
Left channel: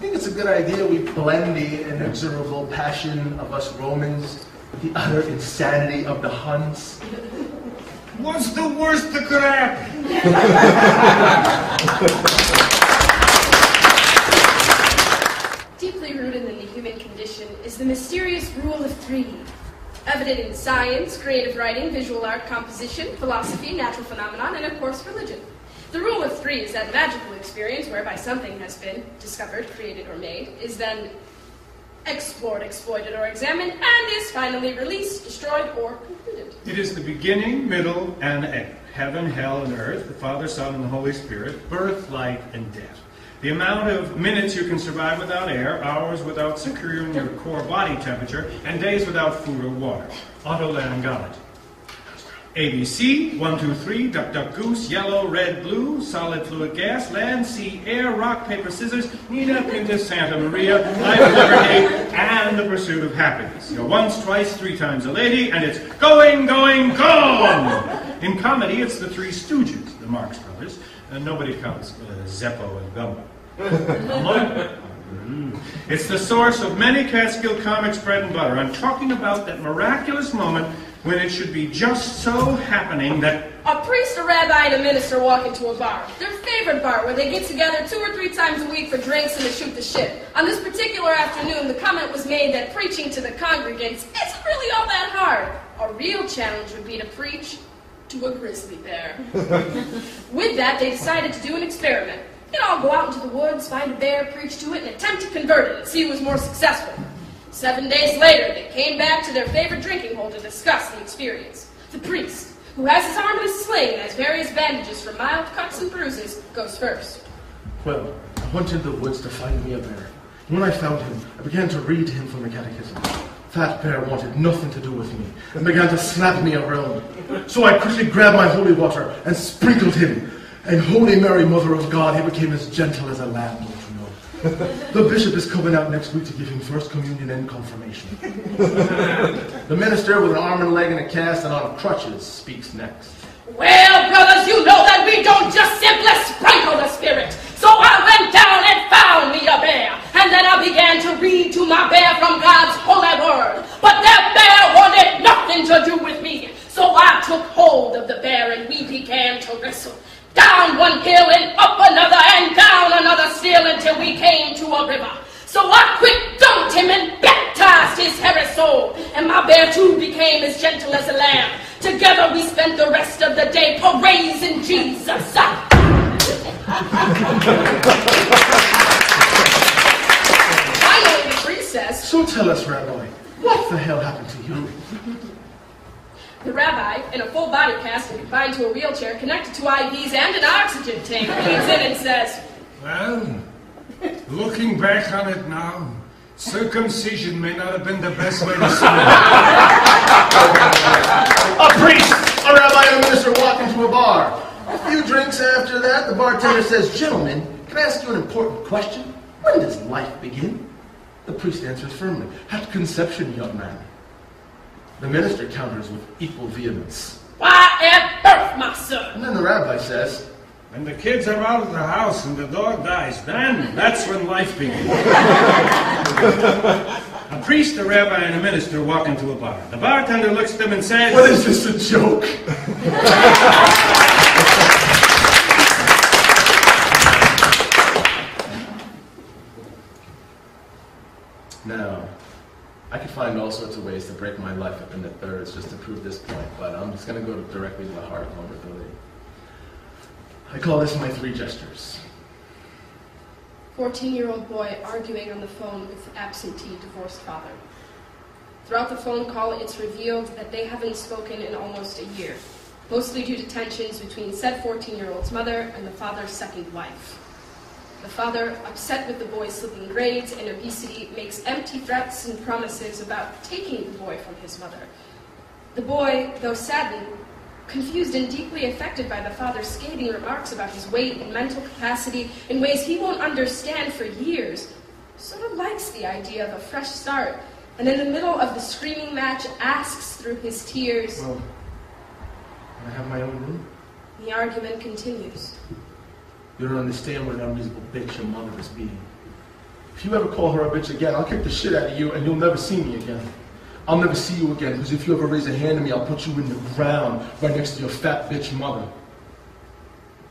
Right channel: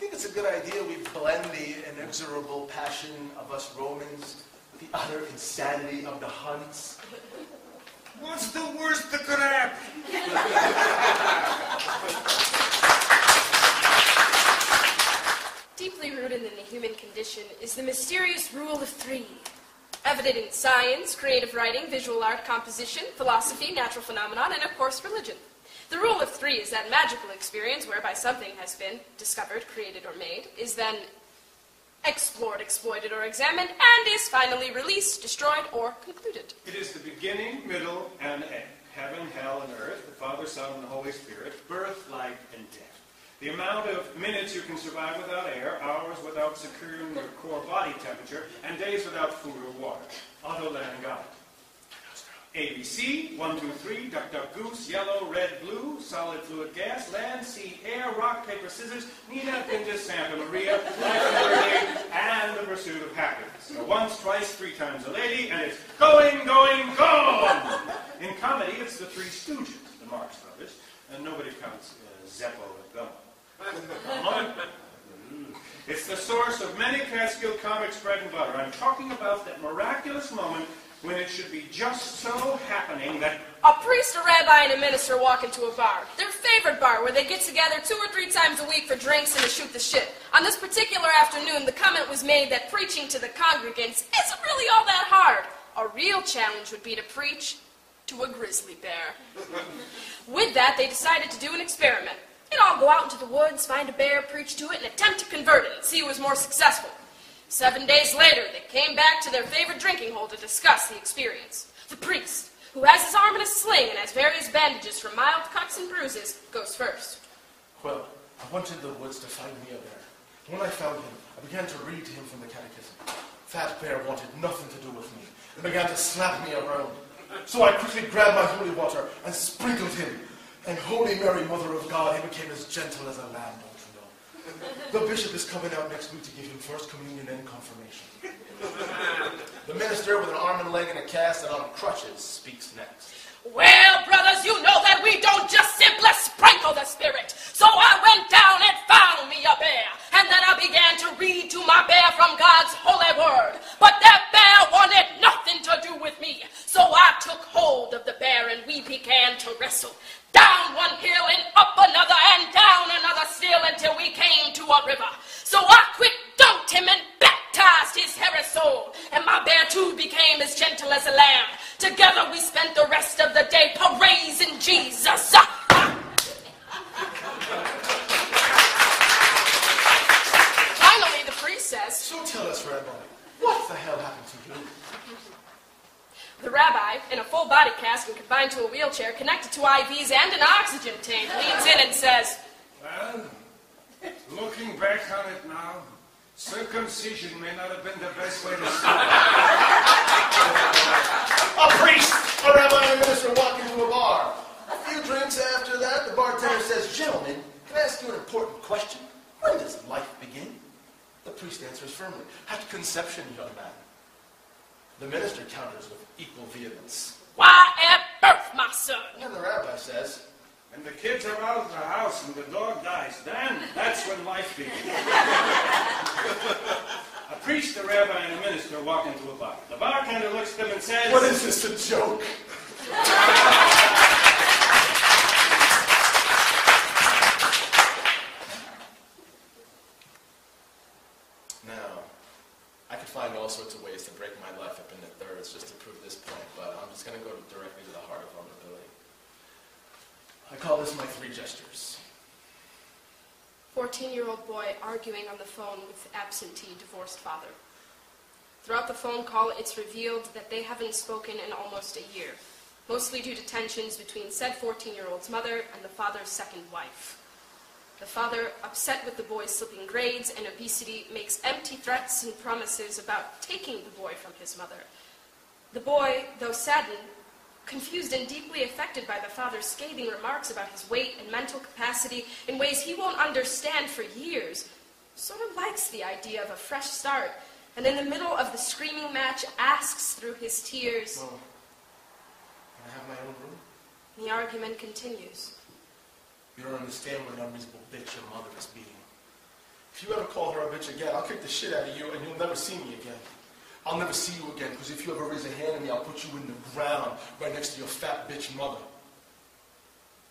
think it's a good idea we blend the inexorable passion of us Romans with the utter insanity of the Huns. What's the worst that could happen? Deeply rooted in the human condition is the mysterious rule of three, evident in science, creative writing, visual art, composition, philosophy, natural phenomenon, and of course religion. The rule of three is that magical experience whereby something has been discovered, created, or made, is then explored, exploited, or examined, and is finally released, destroyed, or concluded. It is the beginning, middle, and end. Heaven, hell, and earth, the Father, Son, and the Holy Spirit, birth, light, and death. The amount of minutes you can survive without air, hours without securing your core body temperature, and days without food or water. Otolaryngology. ABC, 1, 2, 3, duck, duck, goose, yellow, red, blue, solid, fluid, gas, land, sea, air, rock, paper, scissors, Nina, Pinta, Santa Maria, life, liberty, and the pursuit of happiness. You know, once, twice, three times a lady, and it's going, going, gone! In comedy, it's the Three Stooges, the Marx Brothers, and nobody counts Zeppo and Gumbo. It's the source of many Catskill comics' bread and butter. I'm talking about that miraculous moment when it should be just so happening that A priest, a rabbi, and a minister walk into a bar. Their favorite bar, where they get together 2 or 3 times a week for drinks and to shoot the shit. On this particular afternoon, the comment was made that preaching to the congregants isn't really all that hard. A real challenge would be to preach to a grizzly bear. With that, they decided to do an experiment. You'd all go out into the woods, find a bear, preach to it, and attempt to convert it and see who was more successful. 7 days later, they came back to their favorite drinking hole to discuss the experience. The priest, who has his arm in a sling and has various bandages for mild cuts and bruises, goes first. Well, I went into the woods to find me a bear. When I found him, I began to read to him from the catechism. That bear wanted nothing to do with me and began to slap me around. So I quickly grabbed my holy water and sprinkled him. And Holy Mary, Mother of God, he became as gentle as a lamb, don't you know? The bishop is coming out next week to give him First Communion and confirmation. The minister with an arm and leg in a cast and on crutches speaks next. Well, brothers, you know that we don't just simply sprinkle the spirit. So I went down and found me a bear. And then I began to read to my bear from God's holy word. But that bear wanted nothing to do with me. So I took hold of the bear and we began to wrestle. Down one hill and up another and down another still until we came to a river. So I quick dumped him and baptized his hairy soul. And my bear too became as gentle as a lamb. Together we spent the rest of the day praising Jesus. Finally, the priest says, So tell us, Rabbi, what the hell happened to you? the rabbi, in a full body cast and confined to a wheelchair connected to IVs and an oxygen tank, leans in and says, Well, looking back on it now, circumcision may not have been the best way to start. A priest, a rabbi, and a minister walk into a bar. A few drinks after that, the bartender says, Gentlemen, can I ask you an important question? When does life begin? The priest answers firmly, At conception, young man. The minister counters with equal vehemence. Why at birth, my son? And then the rabbi says, When the kids are out of the house and the dog dies, then that's when life begins. A priest, a rabbi, and a minister walk into a bar. The bartender looks at them and says, What is this, a joke? Now, I could find all sorts of ways to break my life up into thirds just to prove this point, but I'm just going to go directly to the heart of vulnerability. I call this my 3 gestures. 14-year-old boy arguing on the phone with absentee divorced father. Throughout the phone call, it's revealed that they haven't spoken in almost a year, mostly due to tensions between said 14-year-old's mother and the father's second wife. The father, upset with the boy's slipping grades and obesity, makes empty threats and promises about taking the boy from his mother. The boy, though saddened, confused and deeply affected by the father's scathing remarks about his weight and mental capacity in ways he won't understand for years, sort of likes the idea of a fresh start, and in the middle of the screaming match asks through his tears, Well, can I have my own room? the argument continues. You don't understand what an unreasonable bitch your mother is being. If you ever call her a bitch again, I'll kick the shit out of you and you'll never see me again. I'll never see you again, because if you ever raise a hand to me, I'll put you in the ground right next to your fat bitch mother.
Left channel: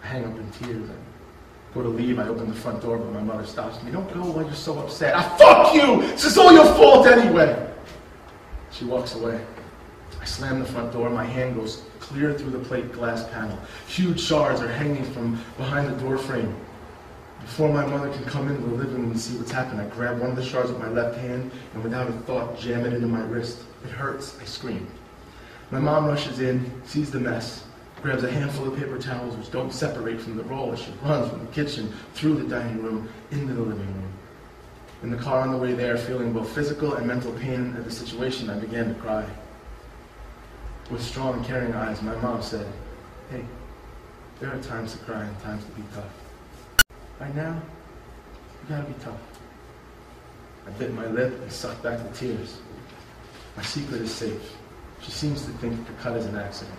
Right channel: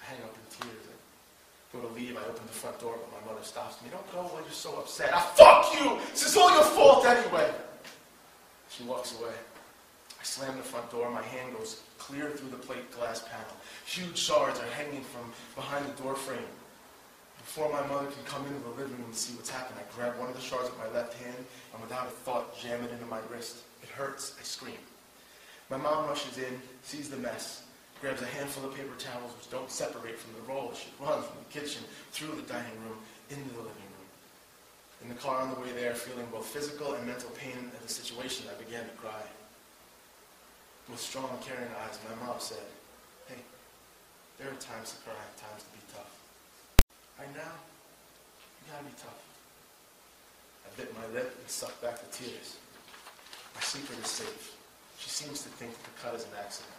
I hang up in tears. I go to leave, I open the front door, but my mother stops me. Don't go while you're so upset. Fuck you! This is all your fault anyway! She walks away. I slam the front door, my hand goes clear through the plate glass panel. Huge shards are hanging from behind the door frame. Before my mother can come into the living room and see what's happened, I grab one of the shards with my left hand and without a thought jam it into my wrist. It hurts. I scream. My mom rushes in, sees the mess, grabs a handful of paper towels which don't separate from the roll as she runs from the kitchen, through the dining room, into the living room. In the car on the way there, feeling both physical and mental pain at the situation, I began to cry. With strong and caring eyes, my mom said, Hey, there are times to cry and times to be tough. Right now, you gotta be tough. I bit my lip and sucked back the tears. My secret is safe. She seems to think the cut is an accident.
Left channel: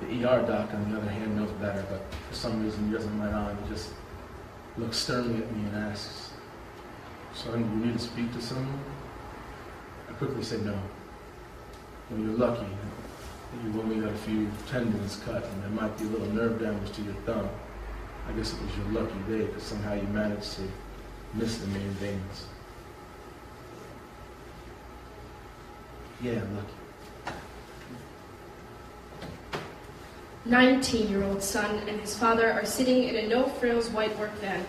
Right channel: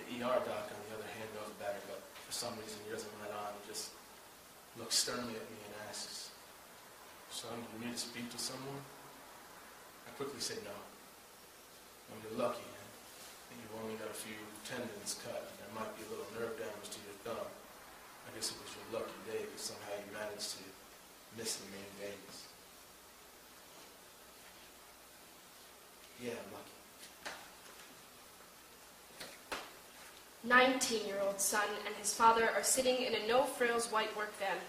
The ER doc, on the other hand, knows better, but for some reason he doesn't let on. He just looks sternly at me and asks, Son, do you need to speak to someone? I quickly said no. Well, you're lucky. You've only got a few tendons cut, and there might be a little nerve damage to your thumb. I guess it was your lucky day, because somehow you managed to miss the main veins. Yeah, lucky. 19-year-old son and his father are sitting in a no-frills white work van.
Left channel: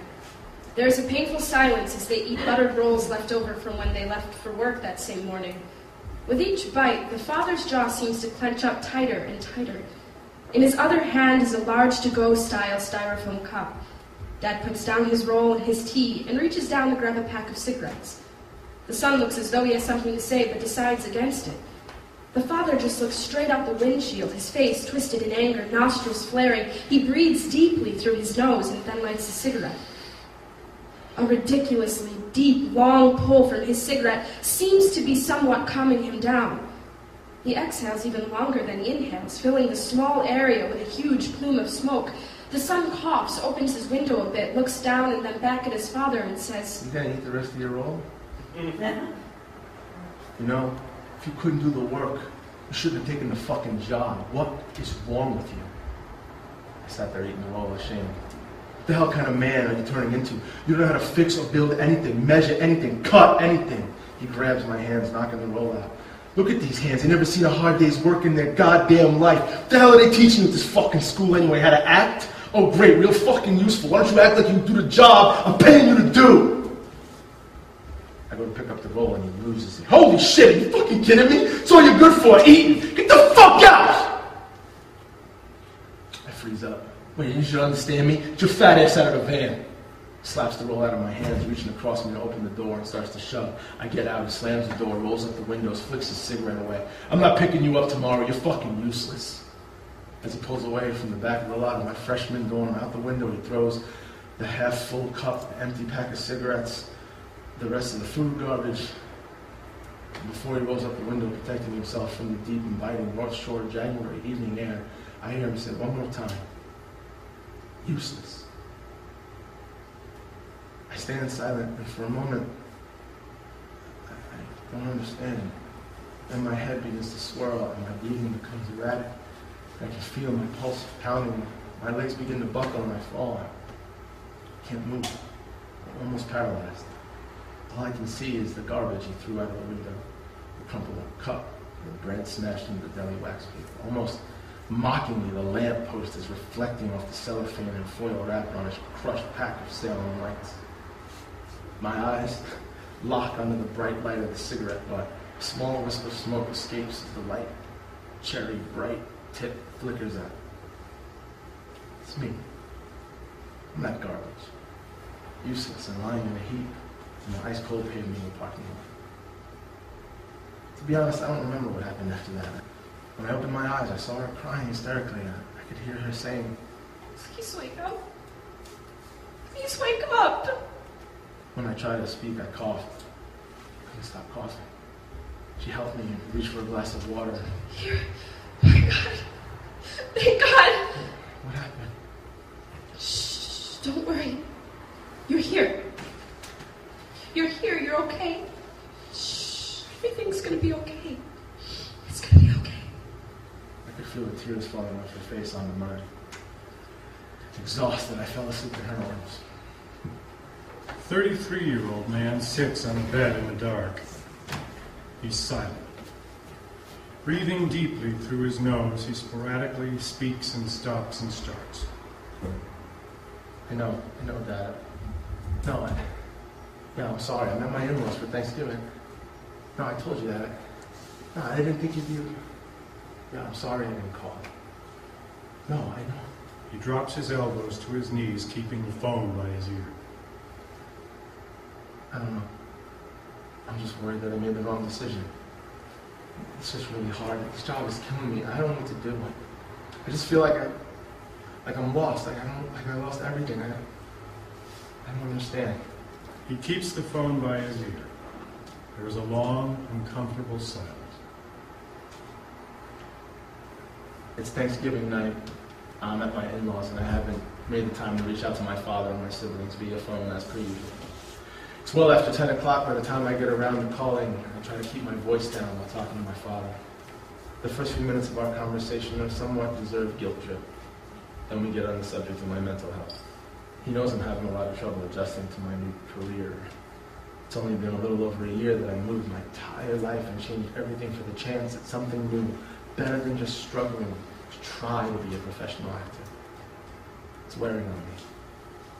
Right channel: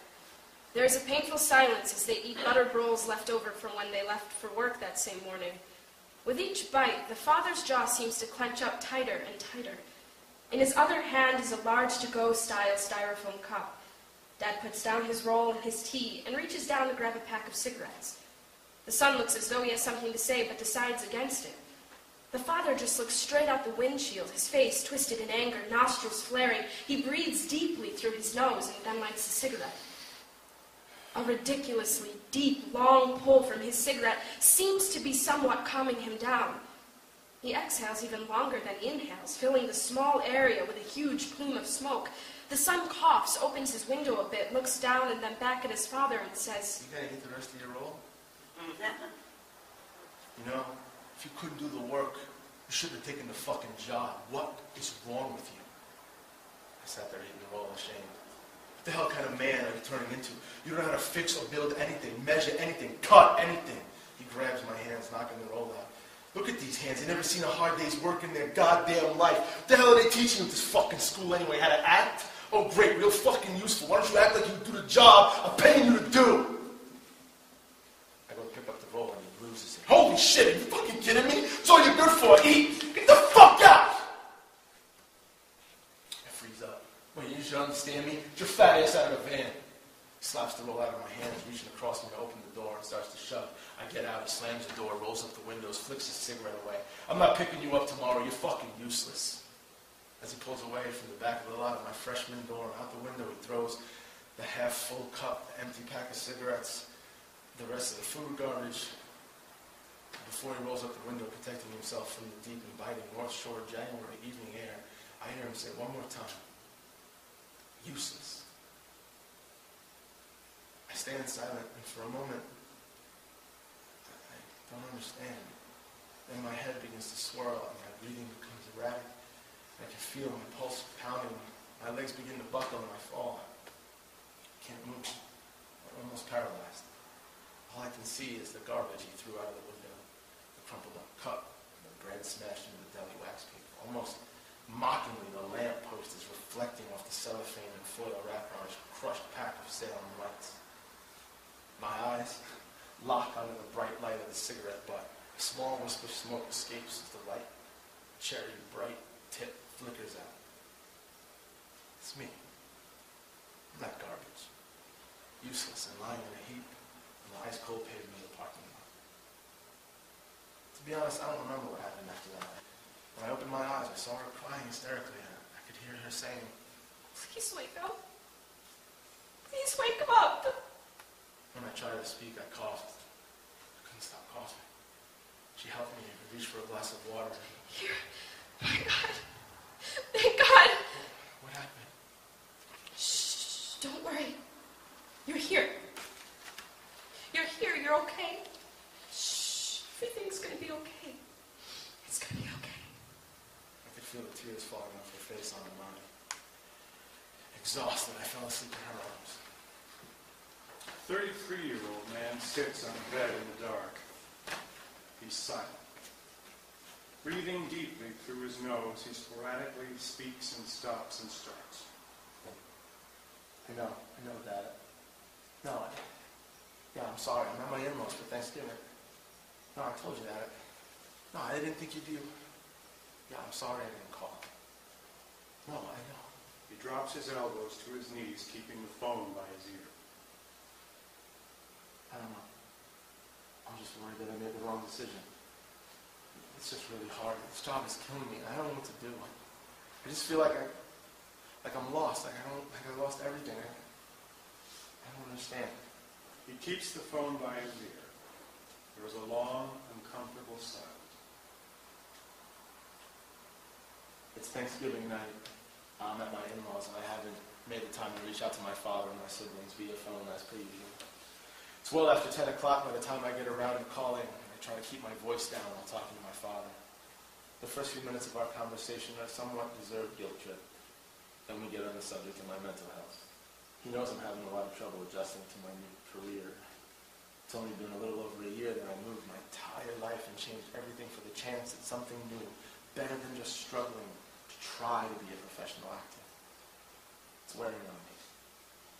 There is a painful silence as they eat buttered rolls left over from when they left for work that same morning. With each bite, the father's jaw seems to clench up tighter and tighter. In his other hand is a large to-go style styrofoam cup. Dad puts down his roll and his tea and reaches down to grab a pack of cigarettes. The son looks as though he has something to say, but decides against it. The father just looks straight out the windshield, his face twisted in anger, nostrils flaring. He breathes deeply through his nose and then lights a cigarette. A ridiculously deep, long pull from his cigarette seems to be somewhat calming him down. He exhales even longer than he inhales, filling the small area with a huge plume of smoke. The son coughs, opens his window a bit, looks down and then back at his father and says, You gonna eat the rest of your roll? You know, if you couldn't do the work, you shouldn't have taken the fucking job. What is wrong with you? I sat there eating the roll ashamed. What the hell kind of man are you turning into? You don't know how to fix or build anything, measure anything, cut anything. He grabs my hands, knocking the roll out. Look at these hands. They never seen a hard day's work in their goddamn life. What the hell are they teaching you at this fucking school anyway? How to act? Oh, great, real fucking useful. Why don't you act like you do the job I'm paying you to do? I go to pick up the roll and he loses it. Holy shit, are you fucking kidding me? That's all you're good for, eating. Get the fuck out! I freeze up. Wait, you should understand me? Get your fat ass out of the van. Slaps the roll out of my hands, reaching across me to open the door and starts to shove. I get out, he slams the door, rolls up the windows, flicks his cigarette away. I'm not picking you up tomorrow, you're fucking useless. As he pulls away from the back of the lot of my freshman dorm, out the window he throws the half-full cup, the empty pack of cigarettes, the rest of the food garbage. And before he rolls up the window, protecting himself from the deep and biting North Shore January evening air, I hear him say one more time, useless. I stand silent, and for a moment, I don't understand. Then my head begins to swirl, and my breathing becomes erratic. I can feel my pulse pounding. My legs begin to buckle, and I fall. I can't move. I'm almost paralyzed. All I can see is the garbage he threw out of the window, the crumpled up cup, and the bread smashed into the deli wax paper. Almost mockingly, the lamp post is reflecting off the cellophane and foil wrapper on a crushed pack of Salem lights. My eyes lock under the bright light of the cigarette butt. A small wisp of smoke escapes as the light, cherry bright tip flickers out. It's me. I'm that garbage. Useless and lying in a heap in the ice-cold pavement in the parking lot. To be honest, I don't remember what happened after that. When I opened my eyes, I saw her crying hysterically. I could hear her saying, Please wake up. Please wake up. When I tried to speak, I coughed. I couldn't stop coughing. She helped me and reached for a glass of water. Here. My God. Thank God. What happened? Shh. Don't worry. You're here. You're here. You're okay. Shh. Everything's going to be okay. It's going to be okay. I could feel the tears falling off her face on the mud. Exhausted, I fell asleep in her arms. 33-year-old man sits on a bed in the dark. He's silent. Breathing deeply through his nose, he sporadically speaks and stops and starts. I know, Dad. No, I'm sorry. I'm at my in-laws for Thanksgiving. No, I told you that. No, I didn't think you'd be... No, I'm sorry I didn't call. No, I know. He drops his elbows to his knees, keeping the phone by his ear. I don't know. I'm just worried that I made the wrong decision. It's just really hard. This job is killing me. I don't know what to do. I just feel like I'm lost. Like I lost everything. I don't understand. He keeps the phone by his ear. There is a long, uncomfortable silence. It's Thanksgiving night. I'm at my in-laws, and I haven't made the time to reach out to my father and my siblings via phone as per usual. It's well after 10 o'clock by the time I get around to calling. I try to keep my voice down while talking to my father. The first few minutes of our conversation are somewhat deserved guilt trip. Then we get on the subject of my mental health. He knows I'm having a lot of trouble adjusting to my new career. It's only been a little over a year that I moved my entire life and changed everything for the chance at something new, better than just struggling to try to be a professional actor. It's wearing on me.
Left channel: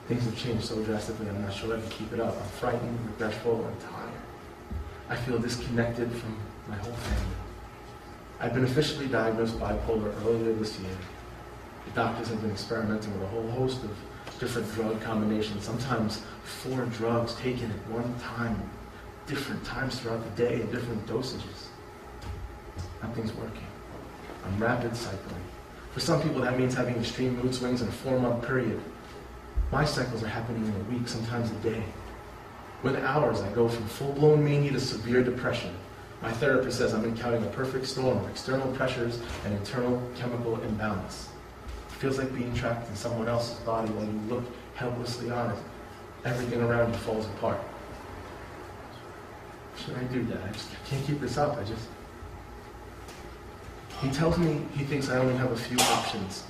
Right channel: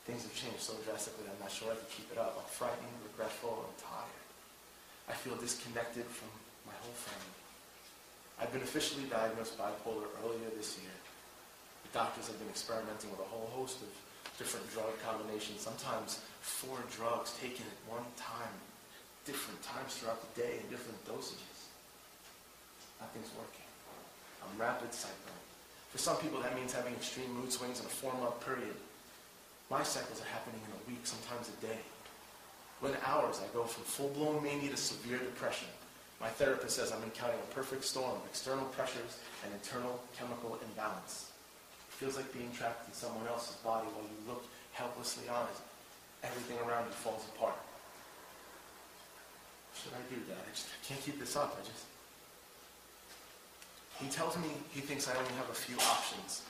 Things have changed so drastically, I'm not sure I can keep it up. I'm frightened, regretful, and tired. I feel disconnected from my whole family. I've been officially diagnosed bipolar earlier this year. The doctors have been experimenting with a whole host of different drug combinations, sometimes 4 drugs taken at one time, different times throughout the day, different dosages. Nothing's working. I'm rapid cycling. For some people, that means having extreme mood swings in a 4-month period. My cycles are happening in a week, sometimes a day. Within hours, I go from full-blown mania to severe depression. My therapist says I'm encountering a perfect storm of external pressures and internal chemical imbalance. It feels like being trapped in someone else's body while you look helplessly on it. Everything around you falls apart. What should I do, Dad? I can't keep this up. He tells me he thinks I only have a few options,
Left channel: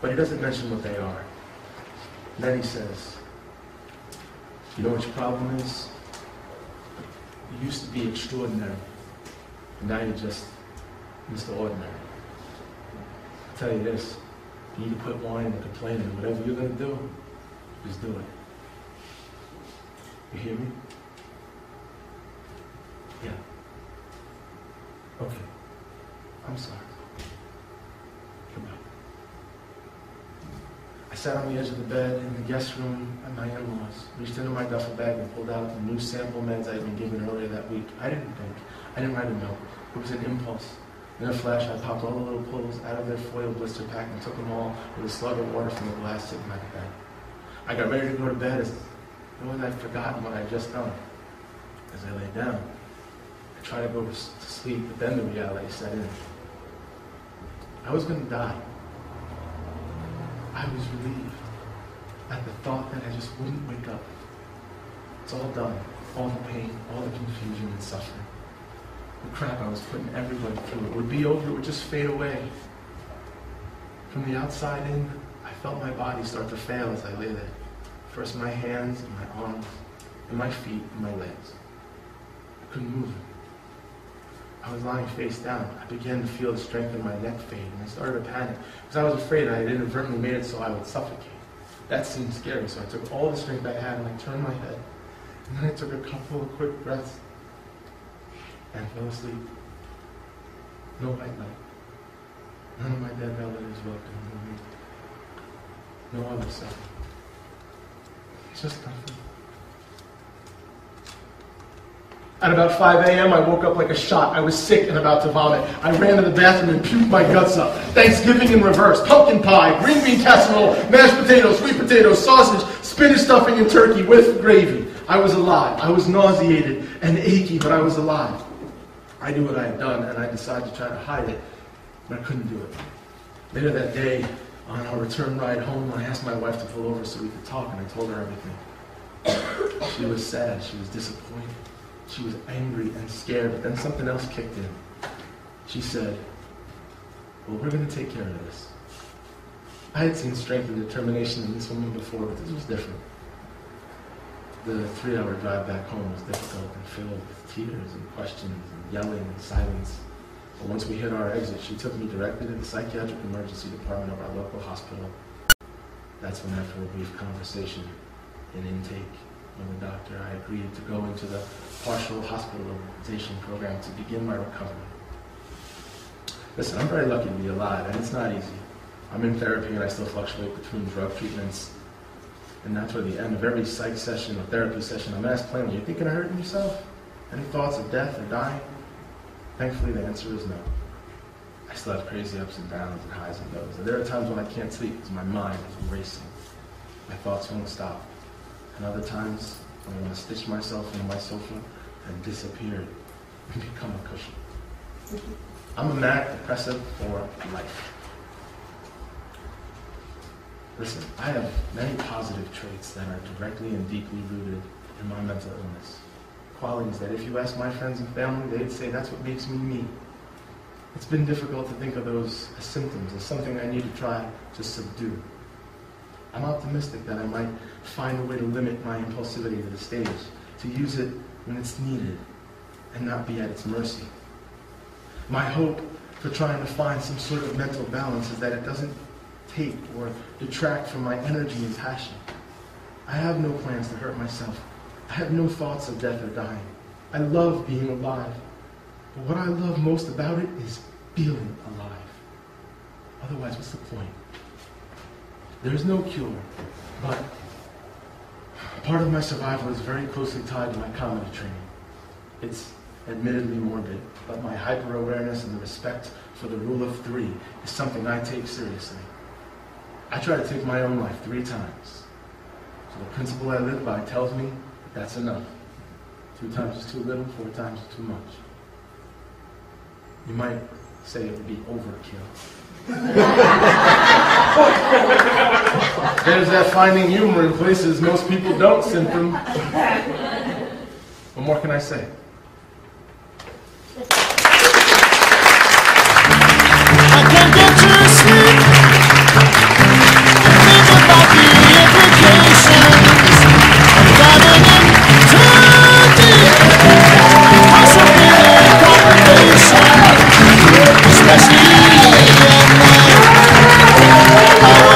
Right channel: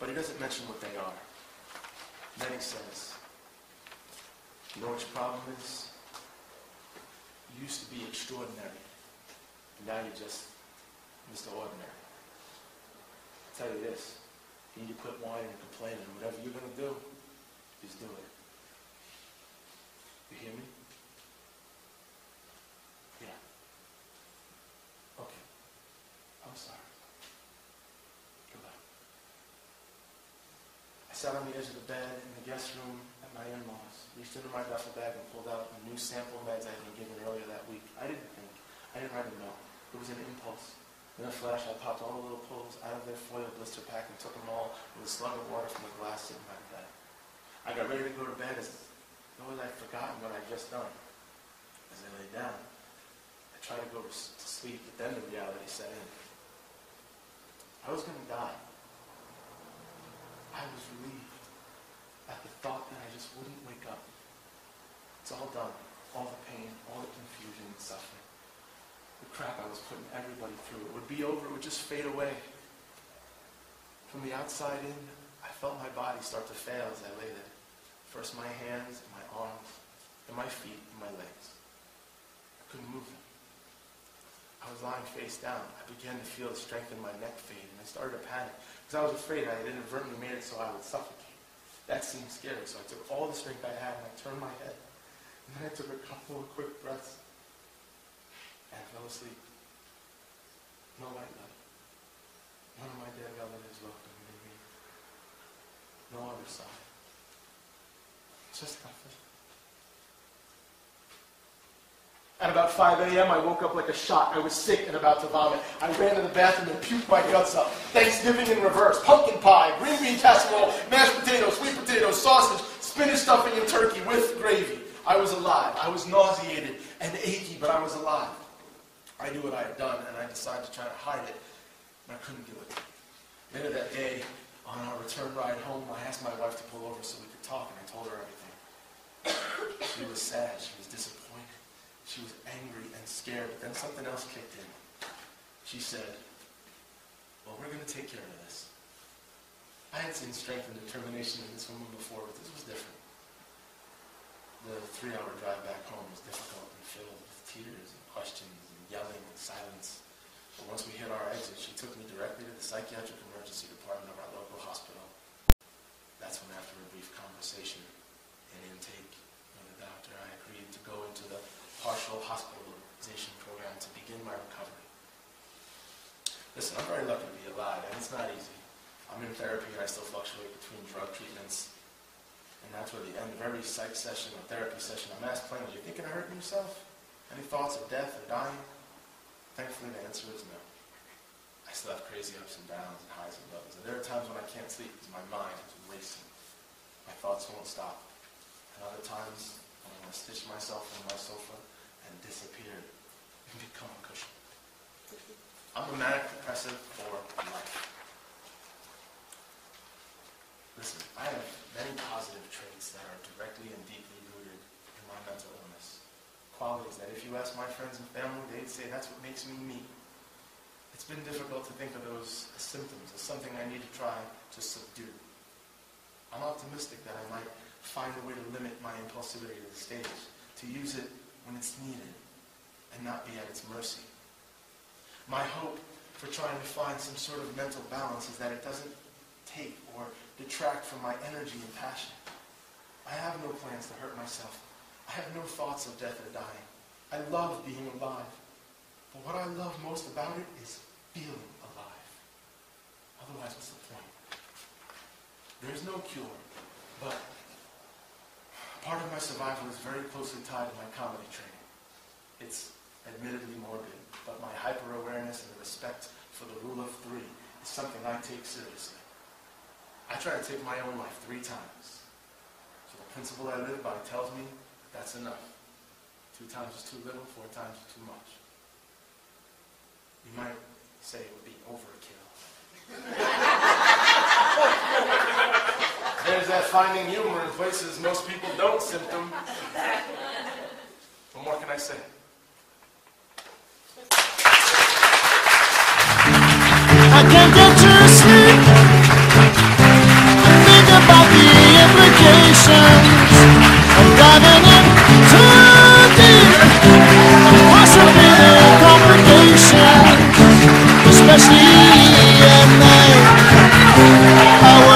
but he doesn't mention what they are. Then he says, you know what your problem is? You used to be extraordinary. And now you're just Mr. Ordinary. I'll tell you this, you need to quit whining and complaining. Whatever you're going to do, just do it. You hear me? Yeah. Okay. I'm sorry. Goodbye. I sat on the edge of the bed in the guest room at my in-laws, reached into my duffel bag and pulled out the new sample meds I had been given earlier that week. I didn't think. I didn't write a note. It was an impulse. In a flash, I popped all the little pills out of their foil blister pack and took them all with a slug of water from the glass sitting by the bed. I got ready to go to bed as though I'd forgotten what I'd just done. As I lay down, I tried to go to sleep, but then the reality set in. I was going to die. I was relieved at the thought that I just wouldn't wake up. It's all done. All the pain, all the confusion and suffering. The crap I was putting everybody through. It would be over. It would just fade away. From the outside in, I felt my body start to fail as I lay there. First my hands, and my arms, and my feet, and my legs. I couldn't move them. I was lying face down. I began to feel the strength in my neck fade, and I started to panic because I was afraid I had inadvertently made it so I would suffocate. That seemed scary, so I took all the strength I had and I turned my head. And then I took a couple of quick breaths and fell asleep. No white light. None of my dead relatives welcomed me. No other suffering. It's just nothing. At about 5 a.m., I woke up like a shot. I was sick and about to vomit. I ran to the bathroom and puked my guts up. Thanksgiving in reverse. Pumpkin pie, green bean casserole, mashed potatoes, sweet potatoes, sausage, spinach stuffing, and turkey with gravy. I was alive. I was nauseated and achy, but I was alive. I knew what I had done, and I decided to try to hide it, but I couldn't do it. Later that day, on our return ride home, I asked my wife to pull over so we could talk, and I told her everything. She was sad. She was disappointed. She was angry and scared, but then something else kicked in. She said, well, we're going to take care of this. I had seen strength and determination in this woman before, but this was different. The 3-hour drive back home was difficult and filled with tears and questions and yelling and silence. But once we hit our exit, she took me directly to the psychiatric emergency department of our local hospital. That's when, after a brief conversation and intake with the doctor, I agreed to go into the partial hospitalization program to begin my recovery. Listen, I'm very lucky to be alive, and it's not easy. I'm in therapy, and I still fluctuate between drug treatments. And that's where the end of every psych session or therapy session, I'm asked plainly, you thinking of hurting yourself? Any thoughts of death or dying? Thankfully, the answer is no. I still have crazy ups and downs and highs and lows. And there are times when I can't sleep because my mind is racing. My thoughts won't stop. And other times, I want to stitch myself into my sofa and disappear and become a cushion. I'm a manic depressive for life. Listen, I have many positive traits that are directly and deeply rooted in my mental illness. Qualities that if you ask my friends and family, they'd say that's what makes me me. It's been difficult to think of those as symptoms, as something I need to try to subdue. I'm optimistic that I might find a way to limit my impulsivity to the stage, to use it when it's needed, and not be at its mercy. My hope for trying to find some sort of mental balance is that it doesn't take or detract from my energy and passion. I have no plans to hurt myself. I have no thoughts of death or dying. I love being alive. But what I love most about it is feeling alive. Otherwise, what's the point? There's no cure, but part of my survival is very closely tied to my comedy training. It's admittedly morbid, but my hyper-awareness and the respect for the rule of 3 is something I take seriously. I try to take my own life 3 times. So the principle I live by tells me that's enough. 2 times is too little, 4 times is too much. You might say it would be overkill. There's that finding humor in places most people don't symptom. What more can I say? I can't get to sleep and think about the implications of diving in too deep, possibly the complications. especially at night. I